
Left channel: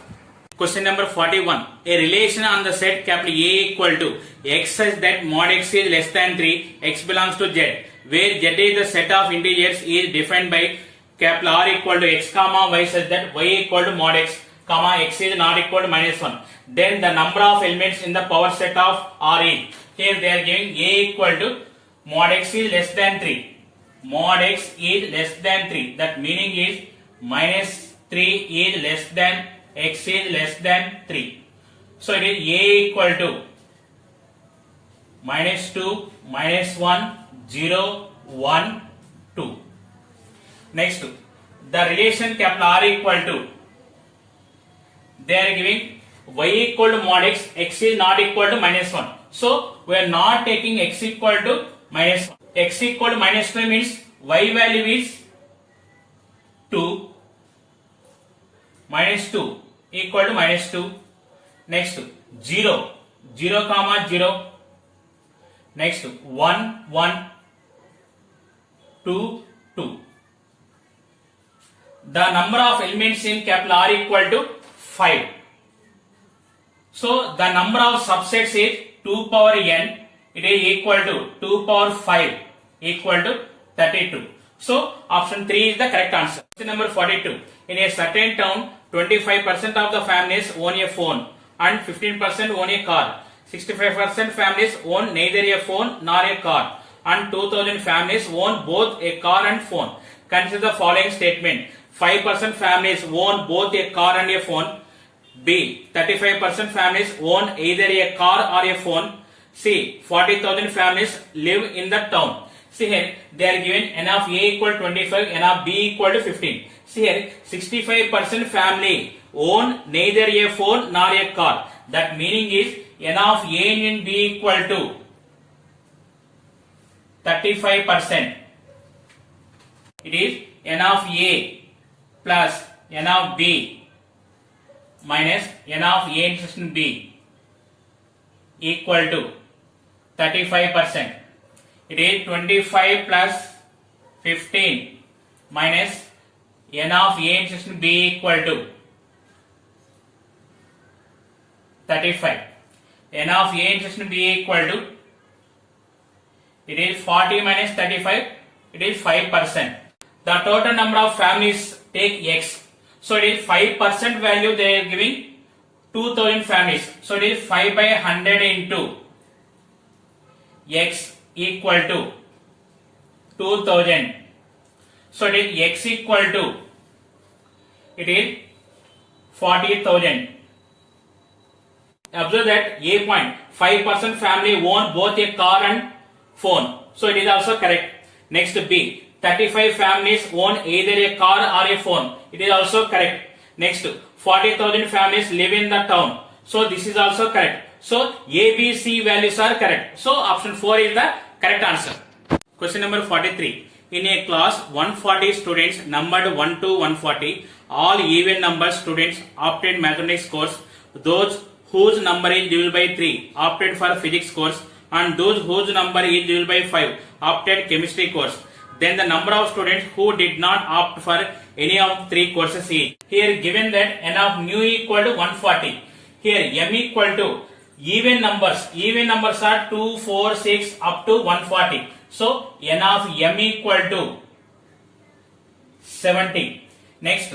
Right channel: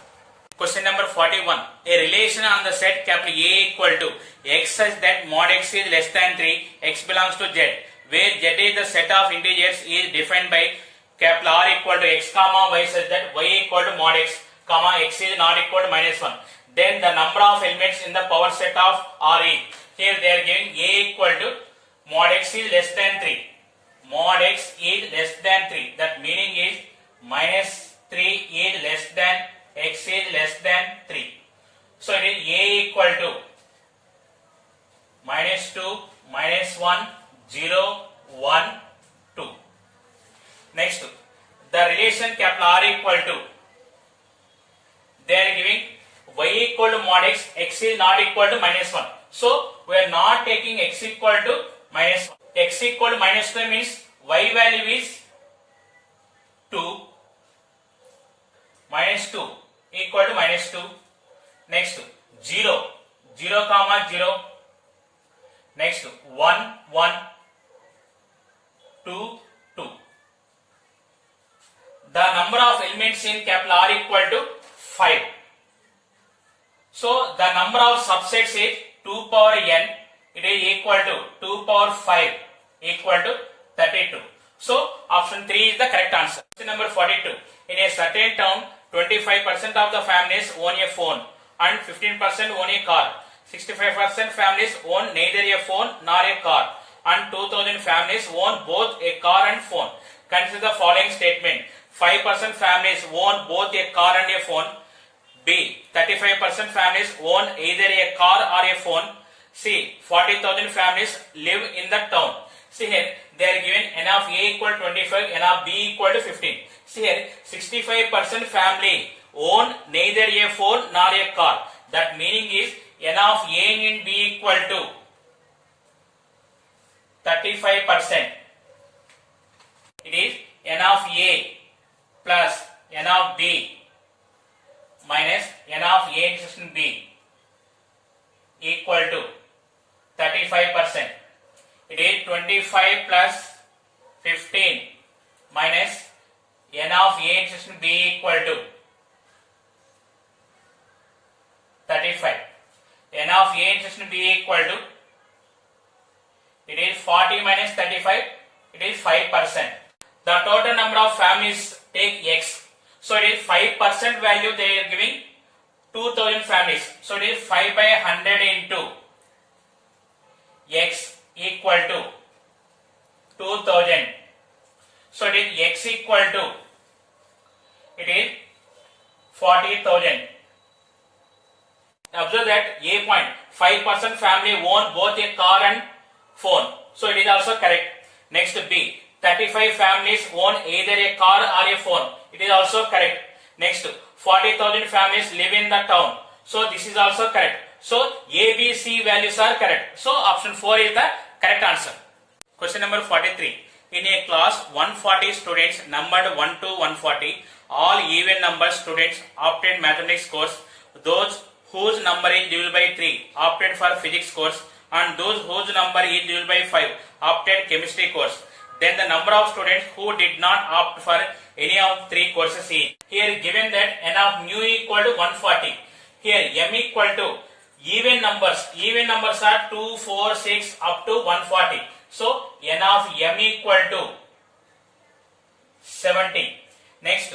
Question number 41. A relation on the set capital A equal to x such that mod x is less than 3, x belongs to z, where z is the set of integers is defined by capital R equal to x comma y such that y equal to mod x comma x is not equal to minus 1. Then the number of elements in the power set of R is. Here they are giving A equal to mod x is less than 3. Mod x is less than 3. That meaning is minus 3 is less than x is less than 3. So it is A equal to minus 2, minus 1, 0, 1, 2. Next, the relation capital R equal to, they are giving y equal to mod x is not equal to minus 1. So we are not taking x equal to minus 1. X equal to minus 1 means y value is 2, minus 2 equal to minus 2. Next 0, 0 comma 0. Next 1, 1, 2, 2. The number of elements in capital R equal to 5. So the number of subsets is 2 power n. It is equal to 2 power 5 equal to 32. So option 3 is the correct answer. Question number 42. In a certain town, 25% of the families own a phone and 15% own a car. 65% families own neither a phone nor a car and 2000 families own both a car and phone. Consider the following statement. 5% families own both a car and a phone. B. 35% families own either a car or a phone. C. 40,000 families live in the town. See here, they are given n of A equal to 25, n of B equal to 15. See here, 65% family own neither a phone nor a car. That meaning is n of A union B equal to 35%. It is n of A plus n of B minus n of A intersection B equal to 35%. It is 25 plus 15 minus n of A intersection B equal to 35. N of A intersection B equal to, it is 40 minus 35, it is 5%. The total number of families take X. So it is 5% value they are giving 2000 families. So it is 5 by 100 into X equal to 2000. So it is X equal to, it is 40,000. Observe that A point, 5% family own both a car and phone. So it is also correct. Next B, 35 families own either a car or a phone. It is also correct. Next, 40,000 families live in the town. So this is also correct. So A, B, C values are correct. So option 4 is the correct answer. Question number 43. In a class 140 students numbered 1 to 140, all even number students opted mathematics course. Those whose number is divisible by 3 opted for physics course, and those whose number is divisible by 5 opted chemistry course. Then the number of students who did not opt for any of 3 courses is. Here given that n of mu equal to 140. Here m equal to even numbers. Even numbers are 2, 4, 6 up to 140. So n of m equal to 70. Next,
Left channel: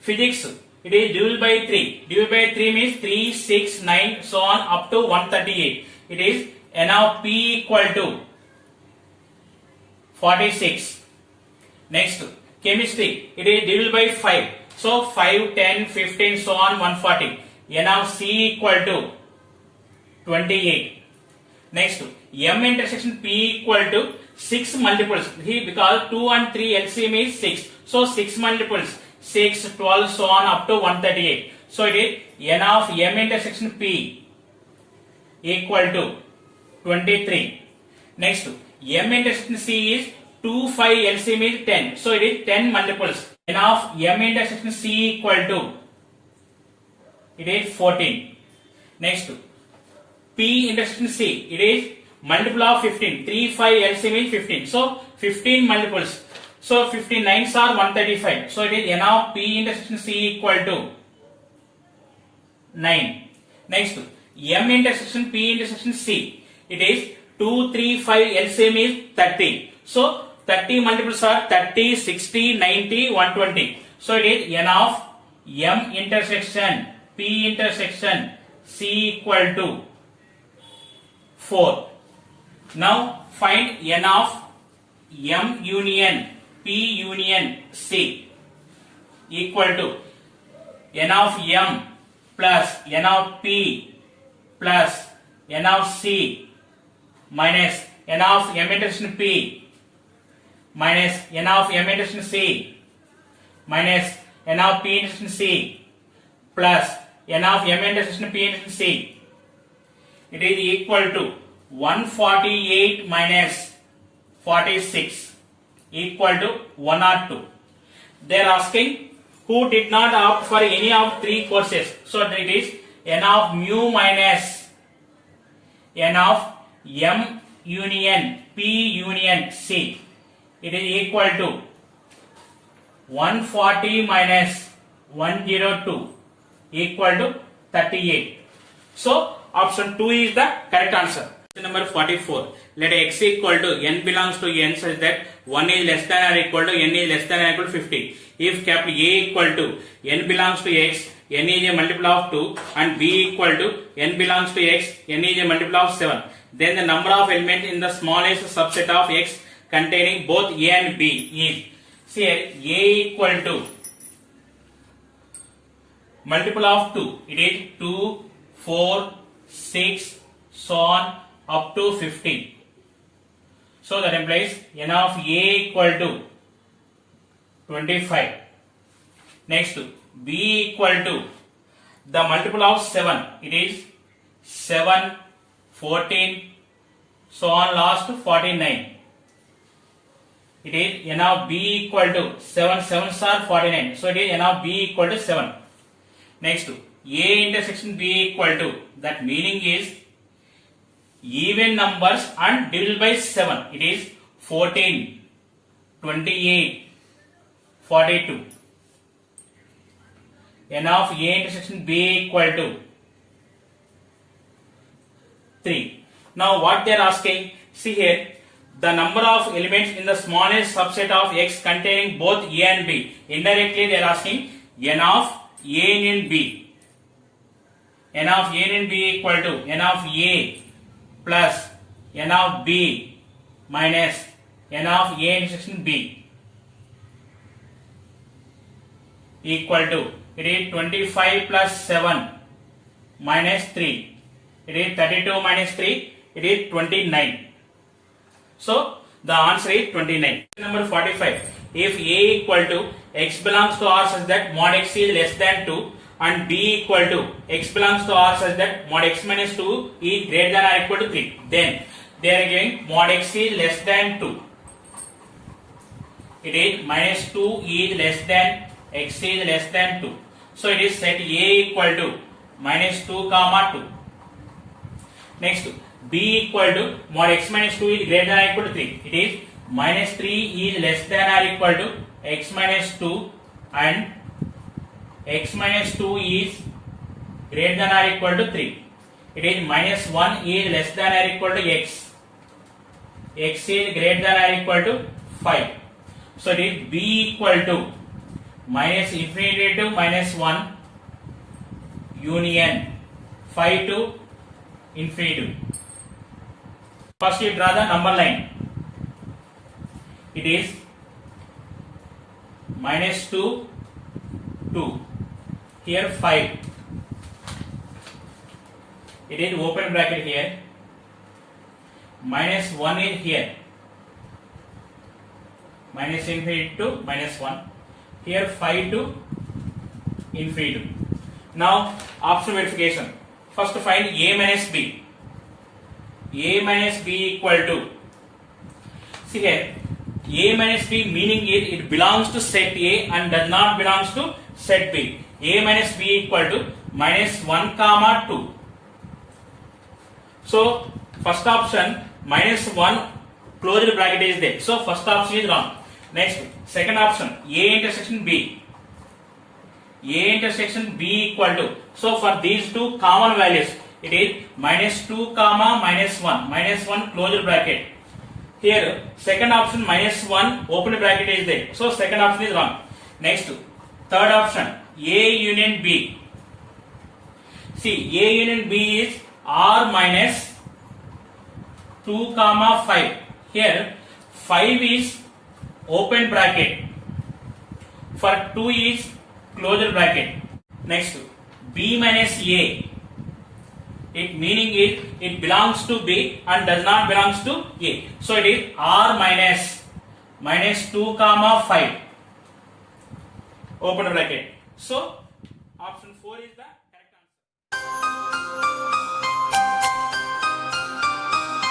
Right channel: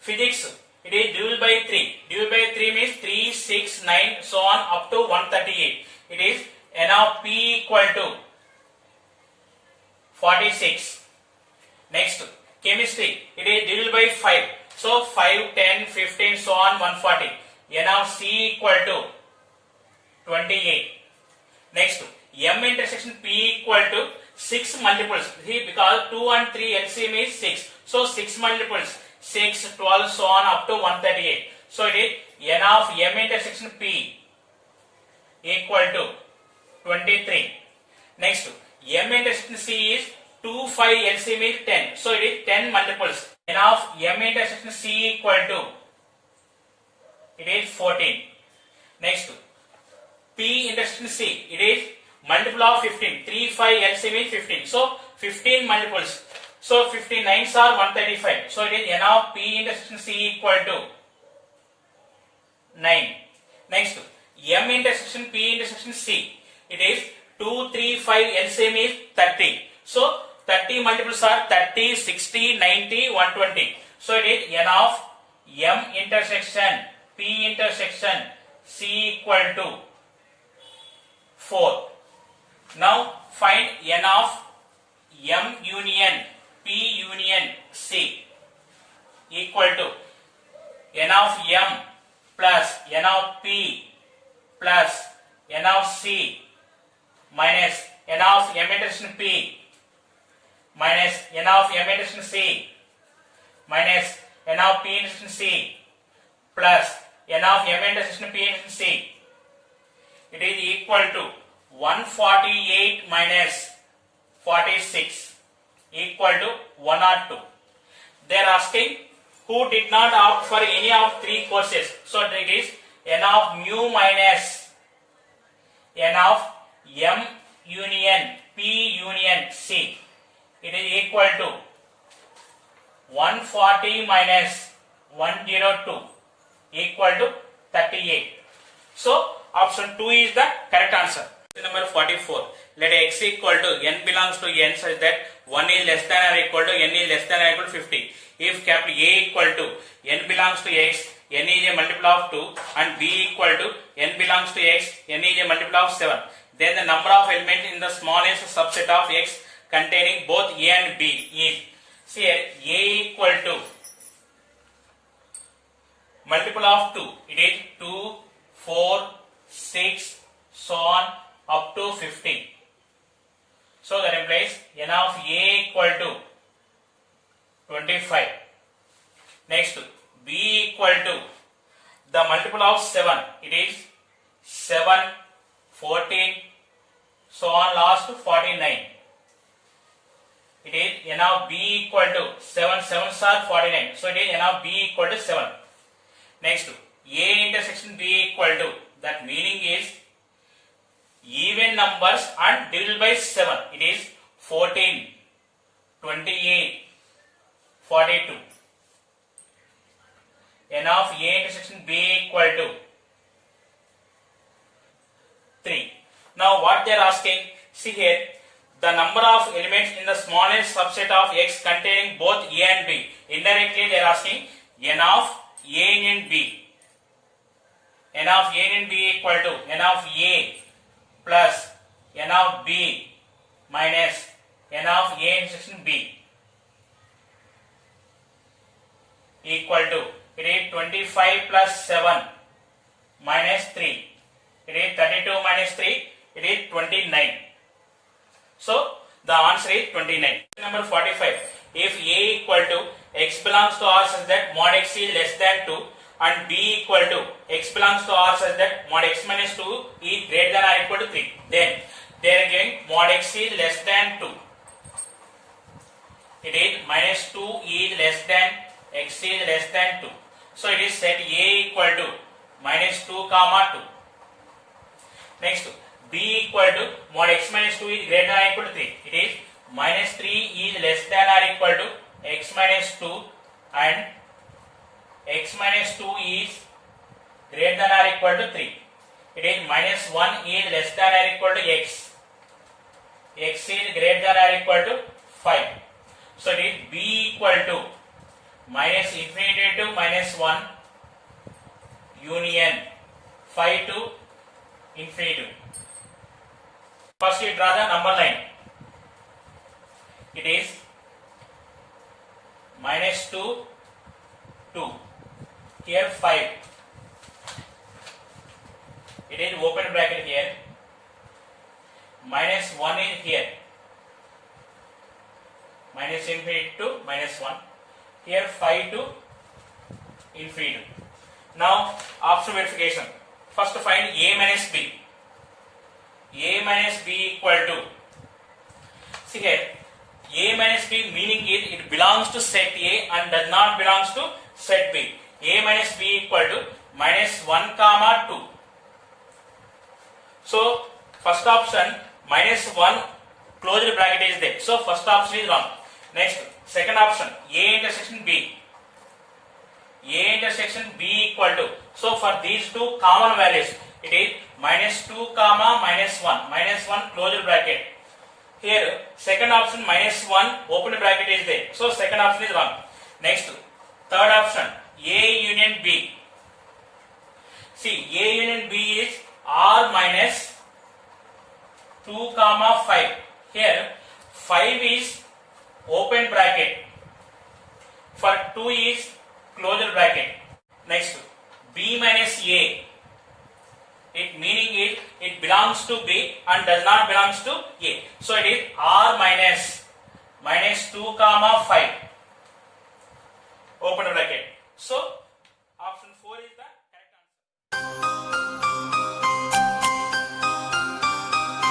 physics. It is divisible by 3. Divisible by 3 means 3, 6, 9, so on up to 138. It is n of p equal to 46. Next, chemistry. It is divisible by 5. So 5, 10, 15, so on 140. n of c equal to 28. Next, m intersection p equal to 6 multiples. Here because 2 and 3 LCM is 6. So 6 multiples. 6, 12, so on up to 138. So it is n of m intersection p equal to 23. Next, m intersection c is 2, 5, LCM is 10. So it is 10 multiples. n of m intersection c equal to, it is 14. Next, p intersection c, it is multiple of 15. 3, 5, LCM is 15. So 15 multiples. So 15 9s are 135. So it is n of p intersection c equal to 9. Next, m intersection p intersection c, it is 2, 3, 5, LCM is 30. So 30 multiples are 30, 60, 90, 120. So it is n of m intersection p intersection c equal to 4. Now find n of m union p union c equal to n of m plus n of p plus n of c minus n of m intersection p minus n of m intersection c minus n of p intersection c plus n of m intersection p intersection c. It is equal to 148 minus 46 equal to 102. They are asking who did not opt for any of 3 courses. So it is n of mu minus n of m union p union c. It is equal to 140 minus 102 equal to 38. So option 2 is the correct answer. Number 44. Let x equal to n belongs to n such that 1 is less than or equal to n is less than or equal to 50. If capital A equal to n belongs to x, n is a multiple of 2, and b equal to n belongs to x, n is a multiple of 7, then the number of elements in the smallest subset of x containing both a and b is, see here, a equal to multiple of 2, it is 2, 4, 6, so on up to 15. So that implies n of a equal to 25. Next, b equal to the multiple of 7, it is 7, 14, so on last 49. It is n of b equal to 7, 7s are 49. So it is n of b equal to 7. Next, A intersection B equal to, that meaning is even numbers and divided by 7. It is 14, 28, 42. N of A intersection B equal to 3. Now what they are asking, see here, the number of elements in the smallest subset of X containing both A and B. Indirectly they are asking N of A union B. N of A union B equal to N of A plus N of B minus N of A intersection B equal to, it is 25 plus 7 minus 3. It is 32 minus 3. It is 29. So the answer is 29. Number 45. If A equal to X belongs to R such that mod X is less than 2 and B equal to X belongs to R such that mod X minus 2 is greater than or equal to 3, then they are giving mod X is less than 2. It is minus 2 is less than X is less than 2. So it is set A equal to minus 2 comma 2. Next, B equal to mod X minus 2 is greater than or equal to 3. It is minus 3 is less than or equal to X minus 2 and X minus 2 is greater than or equal to 3. It is minus 1 is less than or equal to X. X is greater than or equal to 5. So it is B equal to minus infinity to minus 1 union 5 to infinity. First you draw the number line. It is minus 2, 2. Here 5. It is open bracket here. Minus 1 is here. Minus infinity to minus 1. Here 5 to infinity. Now option verification. First to find A minus B. A minus B equal to, see here, A minus B meaning is it belongs to set A and does not belongs to set B. A minus B equal to minus 1 comma 2. So first option minus 1 closed bracket is there. So first option is wrong. Next, second option A intersection B. A intersection B equal to, so for these two common values, it is minus 2 comma minus 1. Minus 1 closed bracket. Here second option minus 1 open bracket is there. So second option is wrong. Next, third option A union B. See, A union B is R minus 2 comma 5. Here 5 is open bracket. For 2 is closed bracket. Next, B minus A. It meaning it belongs to B and does not belongs to A. So it is R minus 2 comma 5 open bracket. So option 4 is the